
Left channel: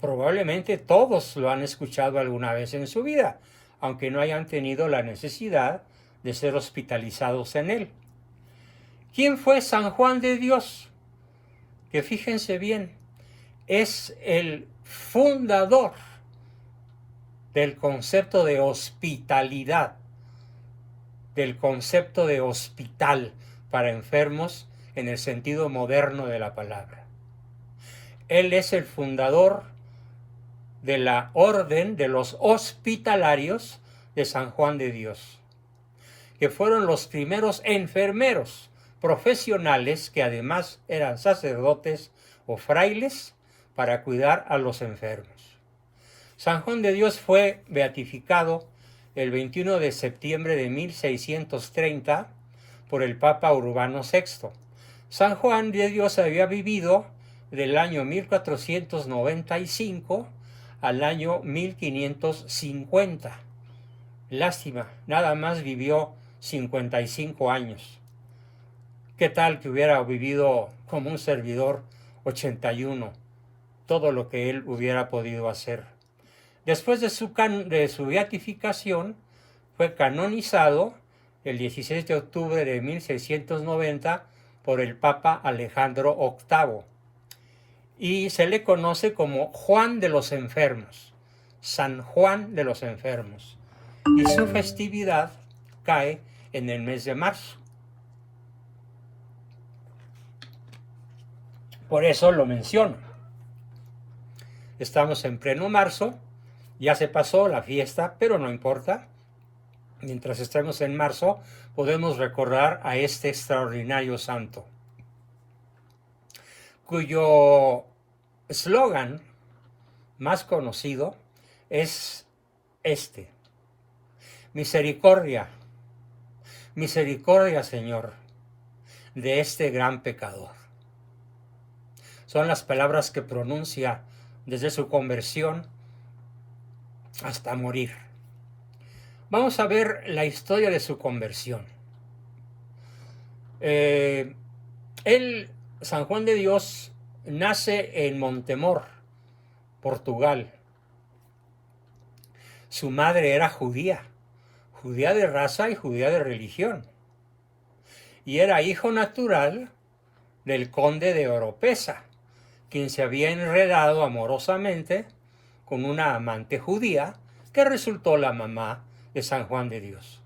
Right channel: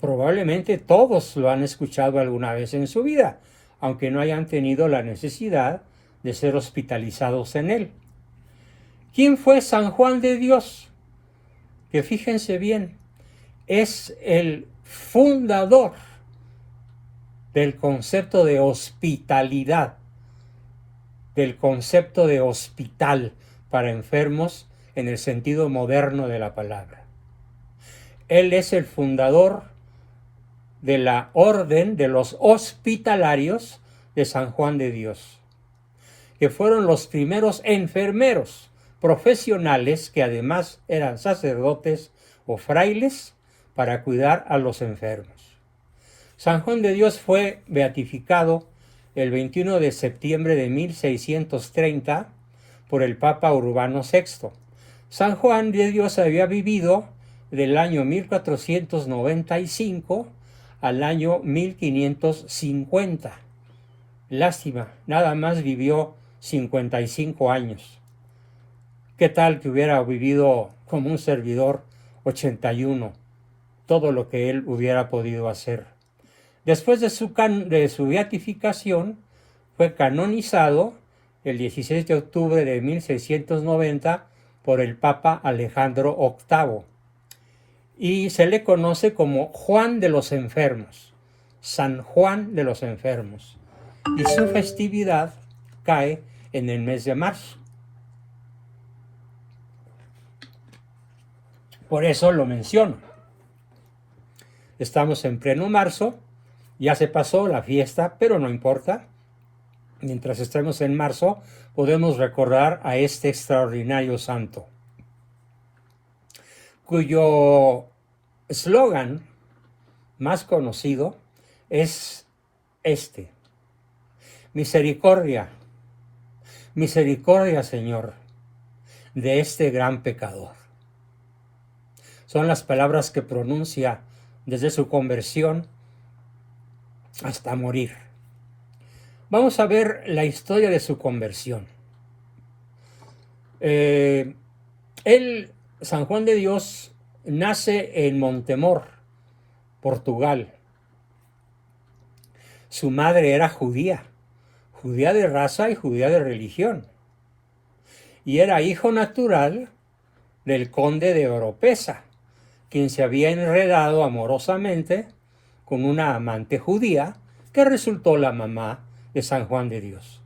Probablemente todos lo han escuchado alguna vez en su vida, aunque no hayan tenido la necesidad de ser hospitalizados en él. ¿Quién fue San Juan de Dios? Que fíjense bien, es el fundador del concepto de hospitalidad, del concepto de hospital para enfermos en el sentido moderno de la palabra. Él es el fundador de la orden de los hospitalarios de San Juan de Dios, que fueron los primeros enfermeros profesionales que además eran sacerdotes o frailes para cuidar a los enfermos. San Juan de Dios fue beatificado el 21 de septiembre de 1630 por el Papa Urbano VI. San Juan de Dios había vivido del año 1495 al año 1550. Lástima, nada más vivió 55 años. ¿Qué tal que hubiera vivido como un servidor 81? Todo lo que él hubiera podido hacer. Después de su beatificación, fue canonizado el 16 de octubre de 1690 por el Papa Alejandro VIII y se le conoce como Juan de los Enfermos, San Juan de los Enfermos, y su festividad cae en el mes de marzo. Por eso lo menciono. Estamos en pleno marzo, ya se pasó la fiesta, pero no importa. Mientras estemos en marzo, podemos recordar a este extraordinario santo, cuyo eslogan más conocido es este: misericordia, misericordia, Señor, de este gran pecador. Son las palabras que pronuncia desde su conversión hasta morir. Vamos a ver la historia de su conversión. San Juan de Dios, nace en Montemor, Portugal. Su madre era judía, judía de raza y judía de religión. Y era hijo natural del conde de Oropesa, quien se había enredado amorosamente con una amante judía que resultó la mamá de San Juan de Dios.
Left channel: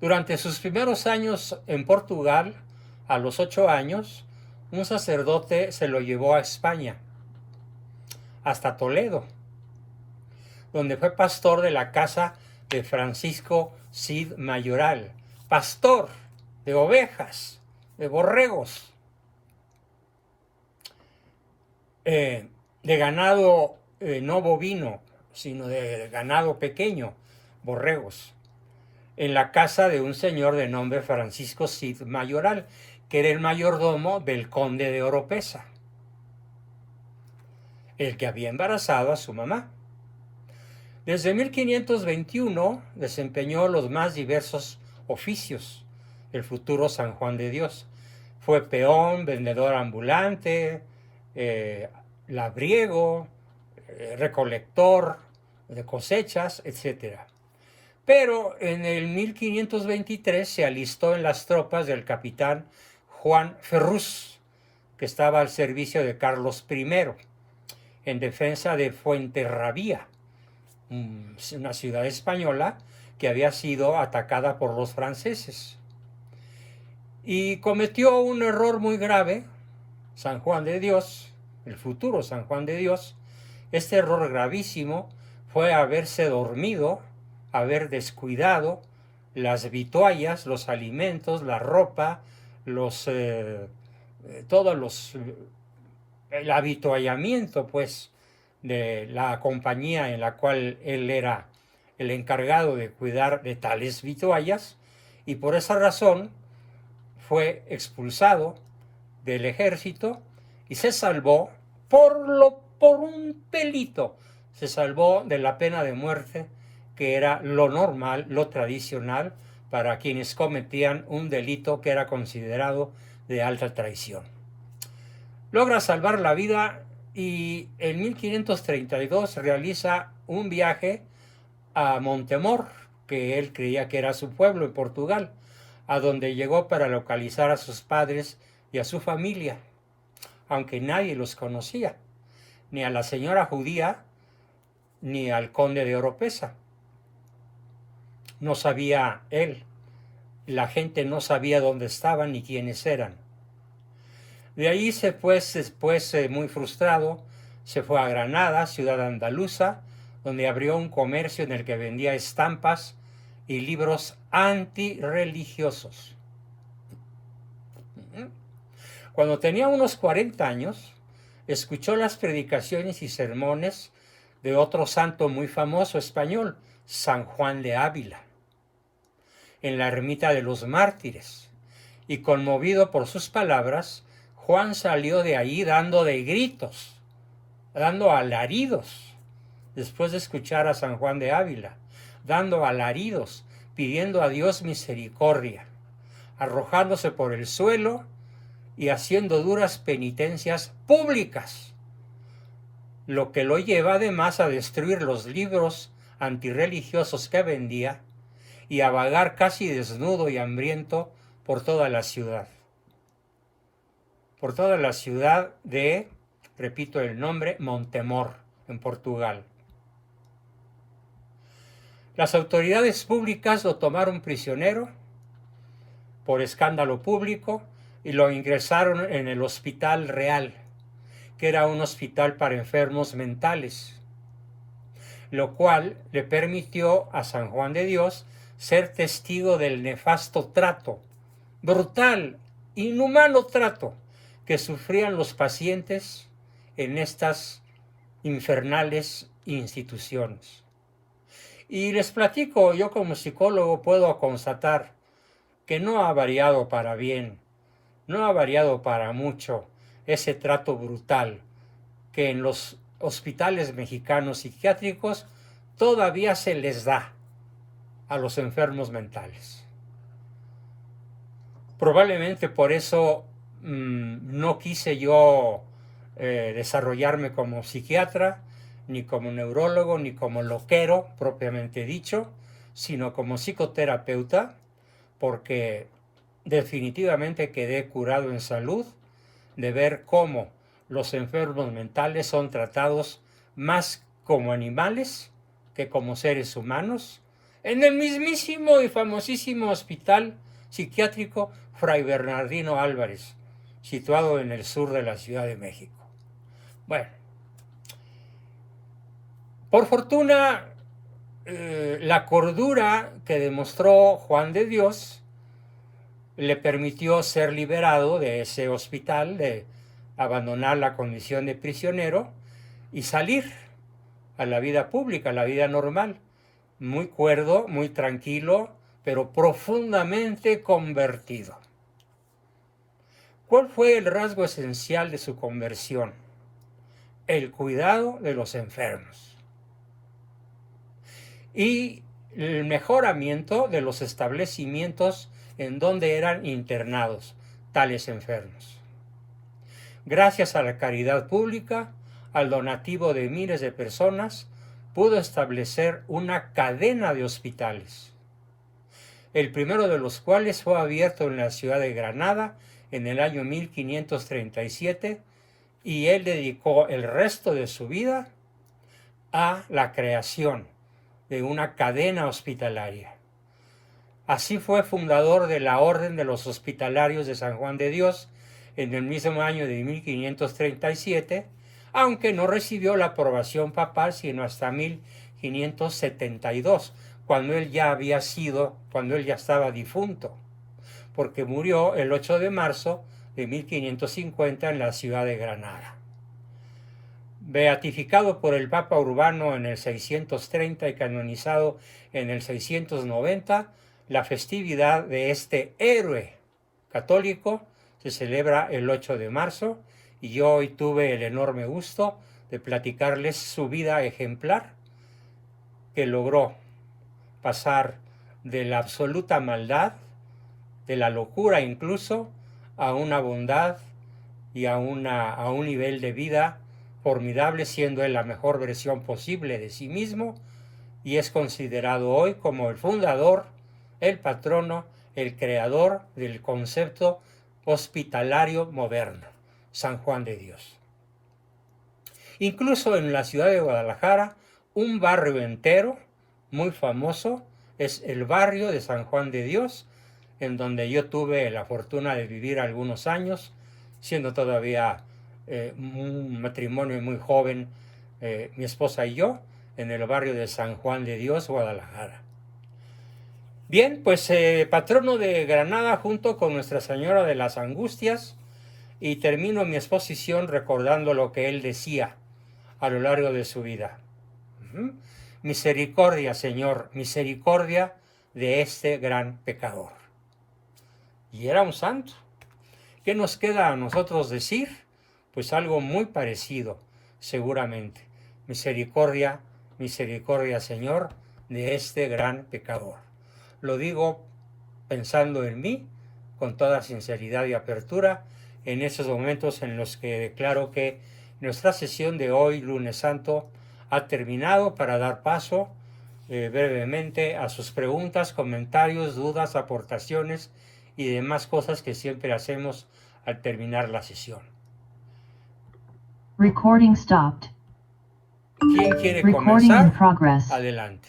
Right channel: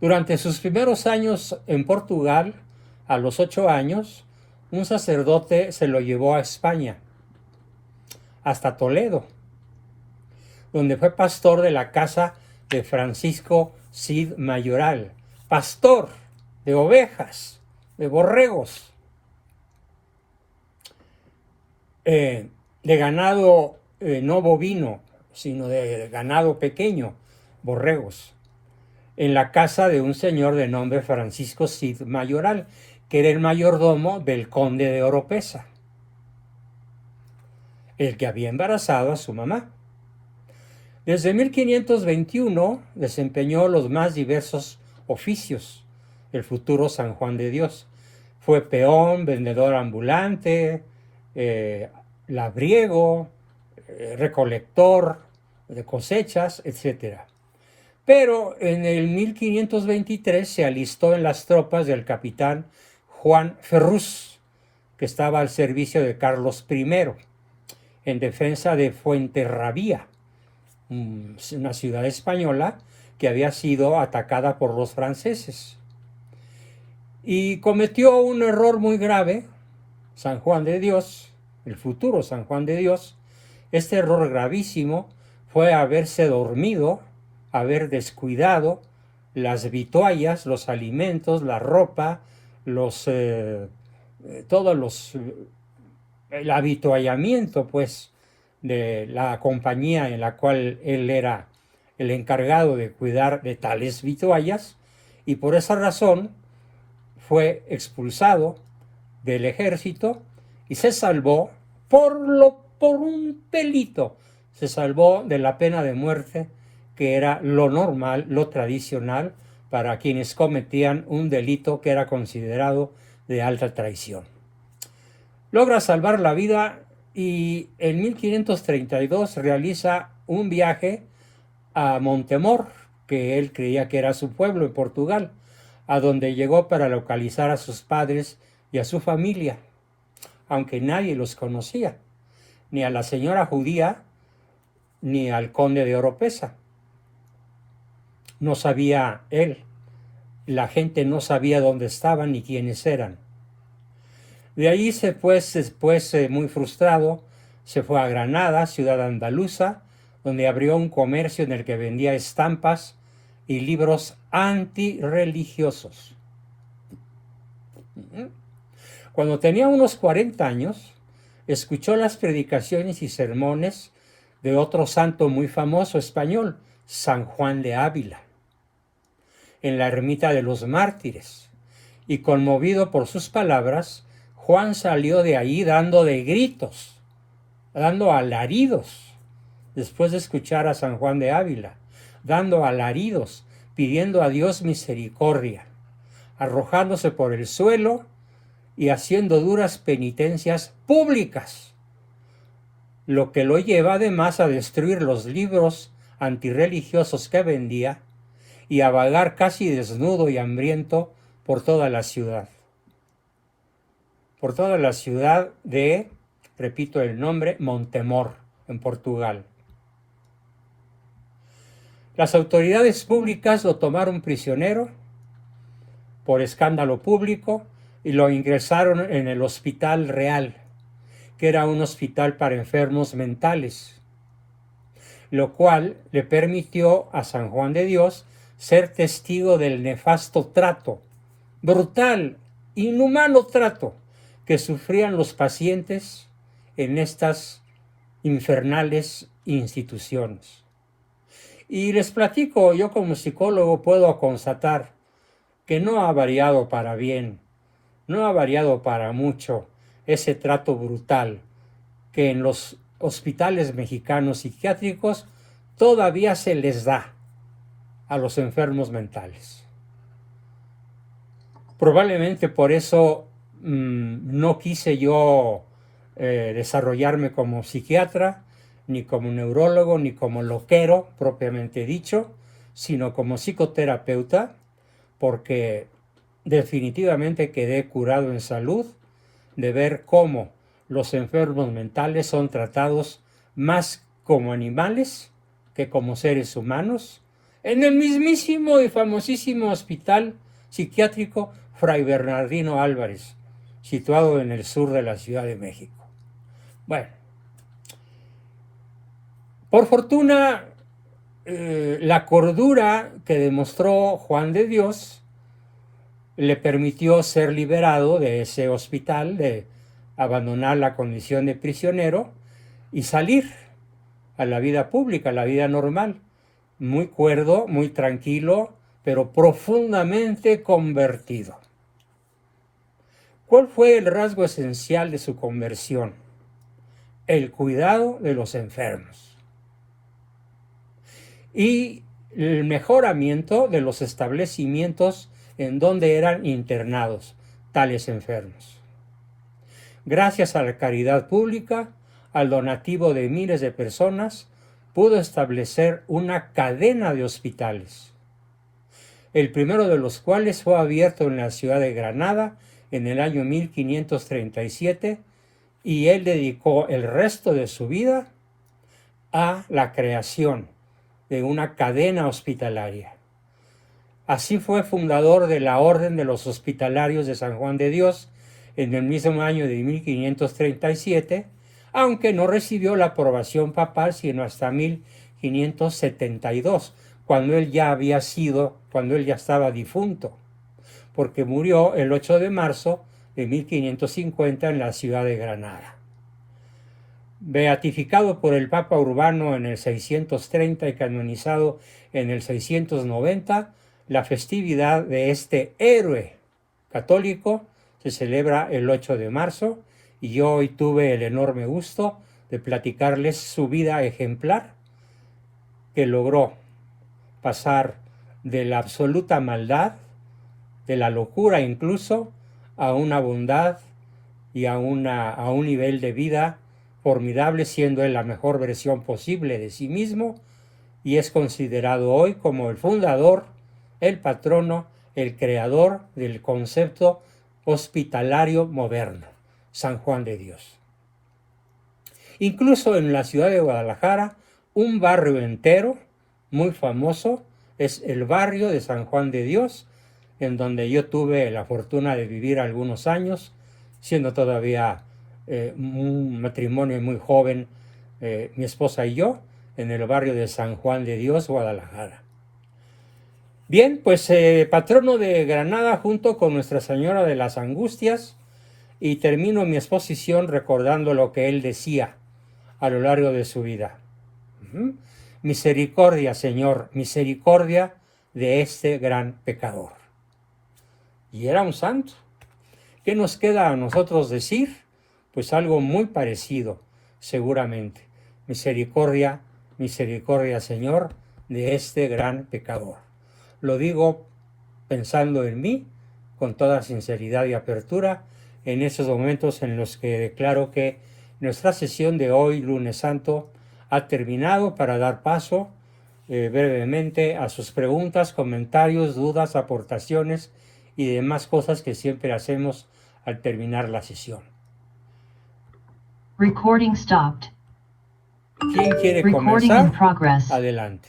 Durante sus primeros años en Portugal, a los 8 años, un sacerdote se lo llevó a España, hasta Toledo, donde fue pastor de la casa de Francisco Cid Mayoral, pastor de ovejas, de borregos, de ganado no bovino, sino de ganado pequeño, borregos, en la casa de un señor de nombre Francisco Cid Mayoral, que era el mayordomo del conde de Oropesa, el que había embarazado a su mamá. Desde 1521 desempeñó los más diversos oficios el futuro San Juan de Dios. Fue peón, vendedor ambulante, labriego, recolector de cosechas, etc. Pero en el 1523 se alistó en las tropas del capitán Juan Ferrús, que estaba al servicio de Carlos I, en defensa de Fuenterrabía, una ciudad española que había sido atacada por los franceses. Y cometió un error muy grave, San Juan de Dios, el futuro San Juan de Dios. Este error gravísimo fue haberse dormido, haber descuidado las vituallas, los alimentos, la ropa, el avituallamiento, pues, de la compañía en la cual él era el encargado de cuidar de tales vituallas, y por esa razón fue expulsado del ejército y se salvó por un pelito, se salvó de la pena de muerte, que era lo normal, lo tradicional para quienes cometían un delito que era considerado de alta traición. Logra salvar la vida y en 1532 realiza un viaje a Montemor, que él creía que era su pueblo en Portugal, a donde llegó para localizar a sus padres y a su familia, aunque nadie los conocía, ni a la señora judía, ni al conde de Oropesa. No sabía él, la gente no sabía dónde estaban ni quiénes eran. De ahí después, muy frustrado, se fue a Granada, ciudad andaluza, donde abrió un comercio en el que vendía estampas y libros antirreligiosos. Cuando tenía unos 40 años, escuchó las predicaciones y sermones de otro santo muy famoso español, San Juan de Ávila. en la ermita de los mártires. Y conmovido por sus palabras, Juan salió de ahí dando de gritos, dando alaridos, después de escuchar a San Juan de Ávila, dando alaridos, pidiendo a Dios misericordia, arrojándose por el suelo y haciendo duras penitencias públicas, lo que lo lleva además a destruir los libros antirreligiosos que vendía y a vagar casi desnudo y hambriento por toda la ciudad. Por toda la ciudad de, repito el nombre, Montemor, en Portugal. Las autoridades públicas lo tomaron prisionero por escándalo público y lo ingresaron en el Hospital Real, que era un hospital para enfermos mentales, lo cual le permitió a San Juan de Dios ser testigo del nefasto trato, brutal, inhumano trato que sufrían los pacientes en estas infernales instituciones. Y les platico, yo como psicólogo puedo constatar que no ha variado para bien, no ha variado para mucho ese trato brutal que en los hospitales mexicanos psiquiátricos todavía se les da a los enfermos mentales. Probablemente por eso no quise yo desarrollarme como psiquiatra, ni como neurólogo, ni como loquero propiamente dicho, sino como psicoterapeuta, porque definitivamente quedé curado en salud de ver cómo los enfermos mentales son tratados más como animales que como seres humanos en el mismísimo y famosísimo hospital psiquiátrico Fray Bernardino Álvarez, situado en el sur de la Ciudad de México. Bueno, por fortuna, la cordura que demostró Juan de Dios le permitió ser liberado de ese hospital, de abandonar la condición de prisionero y salir a la vida pública, a la vida normal, muy cuerdo, muy tranquilo, pero profundamente convertido. ¿Cuál fue el rasgo esencial de su conversión? El cuidado de los enfermos y el mejoramiento de los establecimientos en donde eran internados tales enfermos. Gracias a la caridad pública, al donativo de miles de personas, pudo establecer una cadena de hospitales, el primero de los cuales fue abierto en la ciudad de Granada en el año 1537, y él dedicó el resto de su vida a la creación de una cadena hospitalaria. Así fue fundador de la Orden de los Hospitalarios de San Juan de Dios en el mismo año de 1537, aunque no recibió la aprobación papal sino hasta 1572, cuando él ya estaba difunto, porque murió el 8 de marzo de 1550 en la ciudad de Granada. Beatificado por el Papa Urbano en el 630 y canonizado en el 690, la festividad de este héroe católico se celebra el 8 de marzo y yo hoy tuve el enorme gusto de platicarles su vida ejemplar, que logró pasar de la absoluta maldad, de la locura incluso, a una bondad y a un nivel de vida formidable, siendo él la mejor versión posible de sí mismo, y es considerado hoy como el fundador, el patrono, el creador del concepto hospitalario moderno, San Juan de Dios. Incluso en la ciudad de Guadalajara, un barrio entero muy famoso es el barrio de San Juan de Dios, en donde yo tuve la fortuna de vivir algunos años, siendo todavía un matrimonio muy joven, mi esposa y yo, en el barrio de San Juan de Dios, Guadalajara. Bien, pues patrono de Granada junto con Nuestra Señora de las Angustias, y termino mi exposición recordando lo que él decía a lo largo de su vida. Misericordia, Señor, misericordia de este gran pecador. Y era un santo. ¿Qué nos queda a nosotros decir? Pues algo muy parecido, seguramente. Misericordia, misericordia, Señor, de este gran pecador. Lo digo pensando en mí, con toda sinceridad y apertura, en esos momentos en los que declaro que nuestra sesión de hoy, lunes santo, ha terminado, para dar paso brevemente a sus preguntas, comentarios, dudas, aportaciones y demás cosas que siempre hacemos al terminar la sesión. Recording stopped. ¿Quién quiere Recording in comenzar? progress. Adelante.